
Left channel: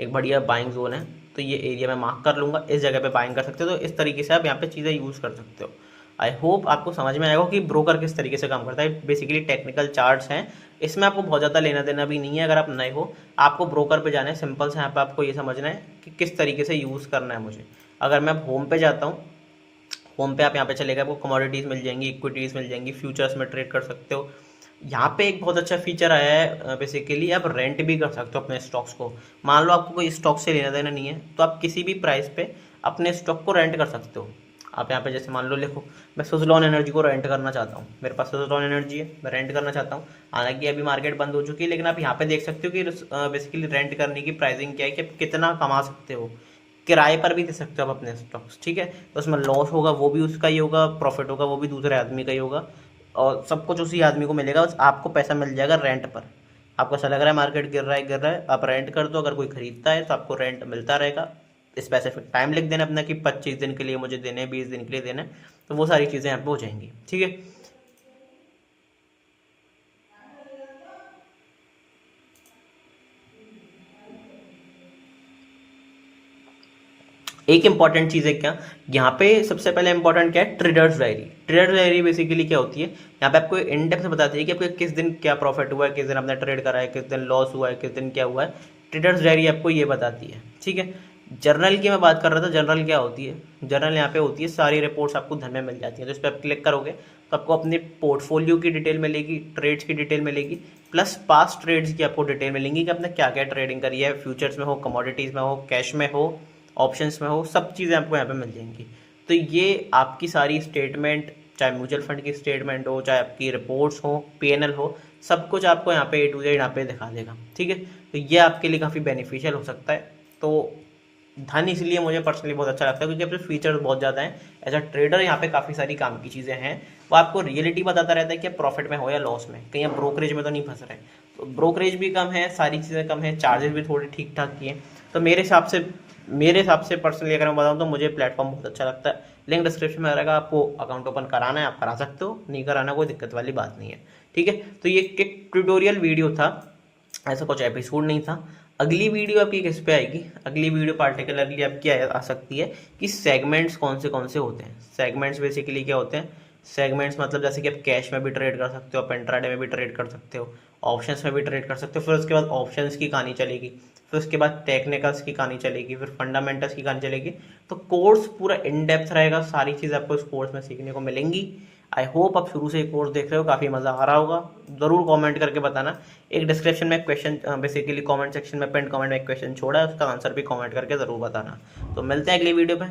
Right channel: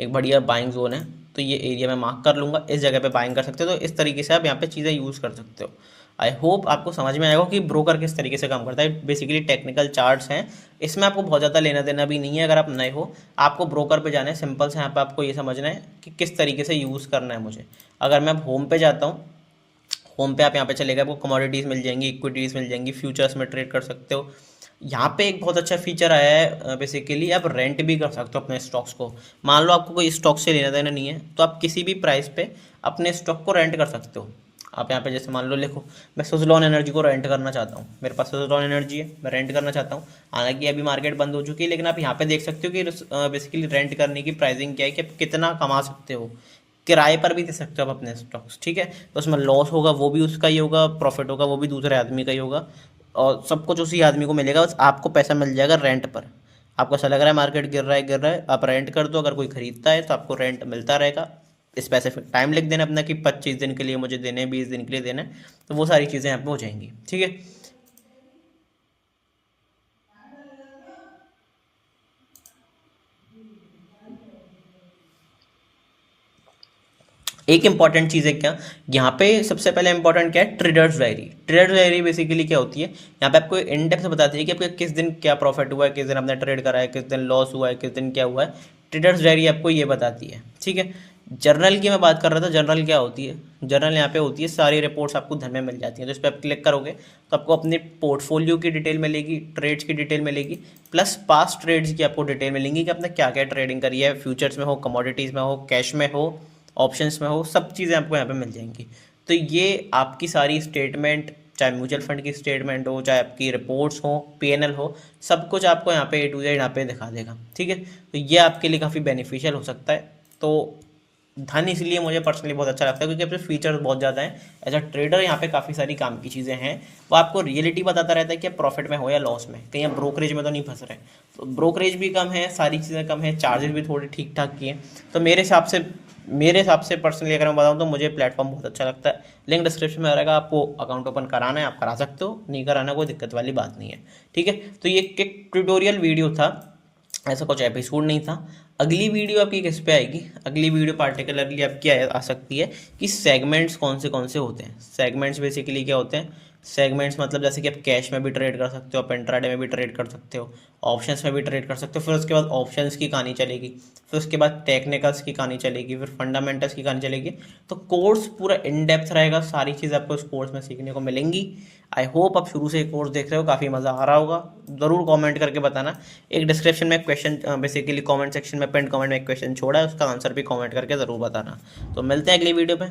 एक बढ़िया बाइंग जोन है, तो ये एरिया मैं मार्क कर लूँगा, इस जगह पे बाइंग कर सकते हो। तो इस तरीके से आप यहाँ पे चीज़ें यूज़ कर सकते हो। आई होप आपको समझ में आएगा कि ब्रोकर किस तरीके से काम करता है। बेसिकली टेक्निकल चार्ट्स हैं, इसमें आपको बहुत ज़्यादा लेना देना भी नहीं है। अगर आप नए हो, आपको ब्रोकर पे जाना है, सिंपल से यहाँ पे आपको ये समझना है कि किस तरीके से यूज़ करना है मुझे। अगर मैं अब होम पे जाता हूँ, होम पे आप यहाँ पे चले गए, आपको कमोडिटीज़ मिल जाएंगी, इक्विटीज़ मिल जाएंगी, फ्यूचर्स में ट्रेड कर सकते हो। यहाँ पे एक बहुत अच्छा फीचर आया है, बेसिकली आप रेंट भी कर सकते हो अपने स्टॉक्स को। मान लो आपको कोई स्टॉक से लेना देना नहीं है, तो आप किसी भी प्राइस पे अपने स्टॉक को रेंट कर सकते हो। आप यहाँ पे जैसे मान लो लिखो, मैं सुज़लॉन एनर्जी को रेंट करना चाहता हूँ, मेरे पास सुज़लॉन एनर्जी है, मैं रेंट करना चाहता हूँ। हालांकि अभी मार्केट बंद हो चुकी है, लेकिन आप यहाँ पे देख सकते हो कि बेसिकली रेंट करने की प्राइसिंग क्या है, कि आप कितना कमा सकते हो। किराए पर भी दे सकते हो आप अपने स्टॉक्स, ठीक है। तो उसमें लॉस होगा वो भी उसका ही होगा, प्रॉफिट होगा वो भी दूसरे आदमी का ही होगा, और सब कुछ उसी आदमी को मिलेगा। बस आपको पैसा मिल जाएगा रेंट पर। आपको ऐसा लग रहा है मार्केट गिर रहा है, आप रेंट कर दो, अगर कोई खरीदता है तो आपको रेंट मिलता रहेगा। स्पेसिफिक टाइम लिख देना अपना कि 25 दिन के लिए मुझे देने हैं, 20 दिन के लिए देना है, तो वो सारी चीज़ें यहाँ पे हो जाएंगी, ठीक है। एक इंपॉर्टेंट चीज़ है क्या, यहाँ पे सबसे पहले इंपॉर्टेंट क्या है, traders diary. Traders diary basically क्या होती है, यहाँ पे आपको इन डेप्थ बताती है कि आपको किस दिन क्या प्रॉफिट हुआ है, किस दिन आपने ट्रेड करा है, किस दिन लॉस हुआ है, किस दिन क्या हुआ है। ट्रेडर्स डायरी आपको ये बताती है, ठीक है। जर्नल की मैं बात कर रहा था, जर्नल क्या होती है, जर्नल यहाँ पे होती है सारी रिपोर्ट्स आपको घर में मिल जाती हैं। तो इस पर आप क्लिक करोगे तो आपको अपने पोर्टफोलियो की डिटेल मिलेगी, ट्रेड्स की डिटेल मिलेगी, प्लस पास्ट ट्रेड्स की आपको डिटेल मिलेंगी कि आपने क्या क्या ट्रेडिंग करी है, फ्यूचर्स में हो, कमोडिटीज़ में हो, कैश में हो, ऑप्शंस में हो, सब चीज़ें आपको यहाँ पे मिल जाएंगी। तो ये आपकी सारी स्टेटमेंट, चाहे म्यूचुअल फंड की स्टेटमेंट हो, चाहे आपकी रिपोर्ट्स हो, PNL हो, सब कुछ आपको यहाँ पे A to Z यहाँ पे दिखा देगा, ठीक है। तो ये आपके लिए काफ़ी बेनिफिशियल हो सकता है। तो धन इसलिए मुझे पर्सनली बहुत अच्छा लगता है क्योंकि अपने फीचर्स बहुत ज़्यादा हैं। एज अ ट्रेडर यहाँ पे काफ़ी सारी काम की चीज़ें हैं। वो आपको रियलिटी बताता रहता है कि आप प्रॉफिट में हो या लॉस में, कहीं आप ब्रोकरेज में तो नहीं फंस रहे। तो ब्रोकरेज भी कम है, सारी चीज़ें कम है, चार्जेस भी थोड़े ठीक ठाक की हैं। तो मेरे हिसाब से पर्सनली अगर मैं बताऊँ तो मुझे प्लेटफॉर्म बहुत अच्छा लगता है। लिंक डिस्क्रिप्शन में रहेगा, आपको अकाउंट ओपन कराना है आप करा सकते हो, नहीं कराना कोई दिक्कत वाली बात नहीं है, ठीक है। तो ये एक ट्यूटोरियल वीडियो था, ऐसा कुछ एपिसोड नहीं था। अगली वीडियो आपकी किस पे आएगी, अगली वीडियो पार्टिकुलरली आपकी आ सकती है कि सेगमेंट्स कौन से होते हैं। सेगमेंट्स बेसिकली क्या होते हैं, सेगमेंट्स मतलब जैसे कि आप कैश में भी ट्रेड कर सकते हो, आप इंट्राडे में भी ट्रेड कर सकते हो, ऑप्शंस में भी ट्रेड कर सकते हो। फिर उसके बाद ऑप्शंस की कहानी चलेगी, फिर उसके बाद टेक्निकल्स की कहानी चलेगी, फिर फंडामेंटल्स की कहानी चलेगी। तो कोर्स पूरा इन डेप्थ रहेगा, सारी चीज़ें आपको इस कोर्स में सीखने को मिलेंगी। आई होप आप शुरू से ये कोर्स देख रहे हो, काफ़ी मज़ा आ रहा होगा। ज़रूर कमेंट करके बताना। एक डिस्क्रिप्शन में क्वेश्चन, बेसिकली कमेंट सेक्शन में, पिन कमेंट में एक क्वेश्चन छोड़ा है, उसका आंसर भी कमेंट करके ज़रूर बताना। तो मिलते हैं अगली वीडियो पे,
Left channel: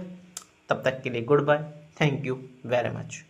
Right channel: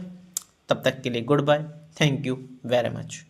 तब तक के लिए goodbye, thank you very much.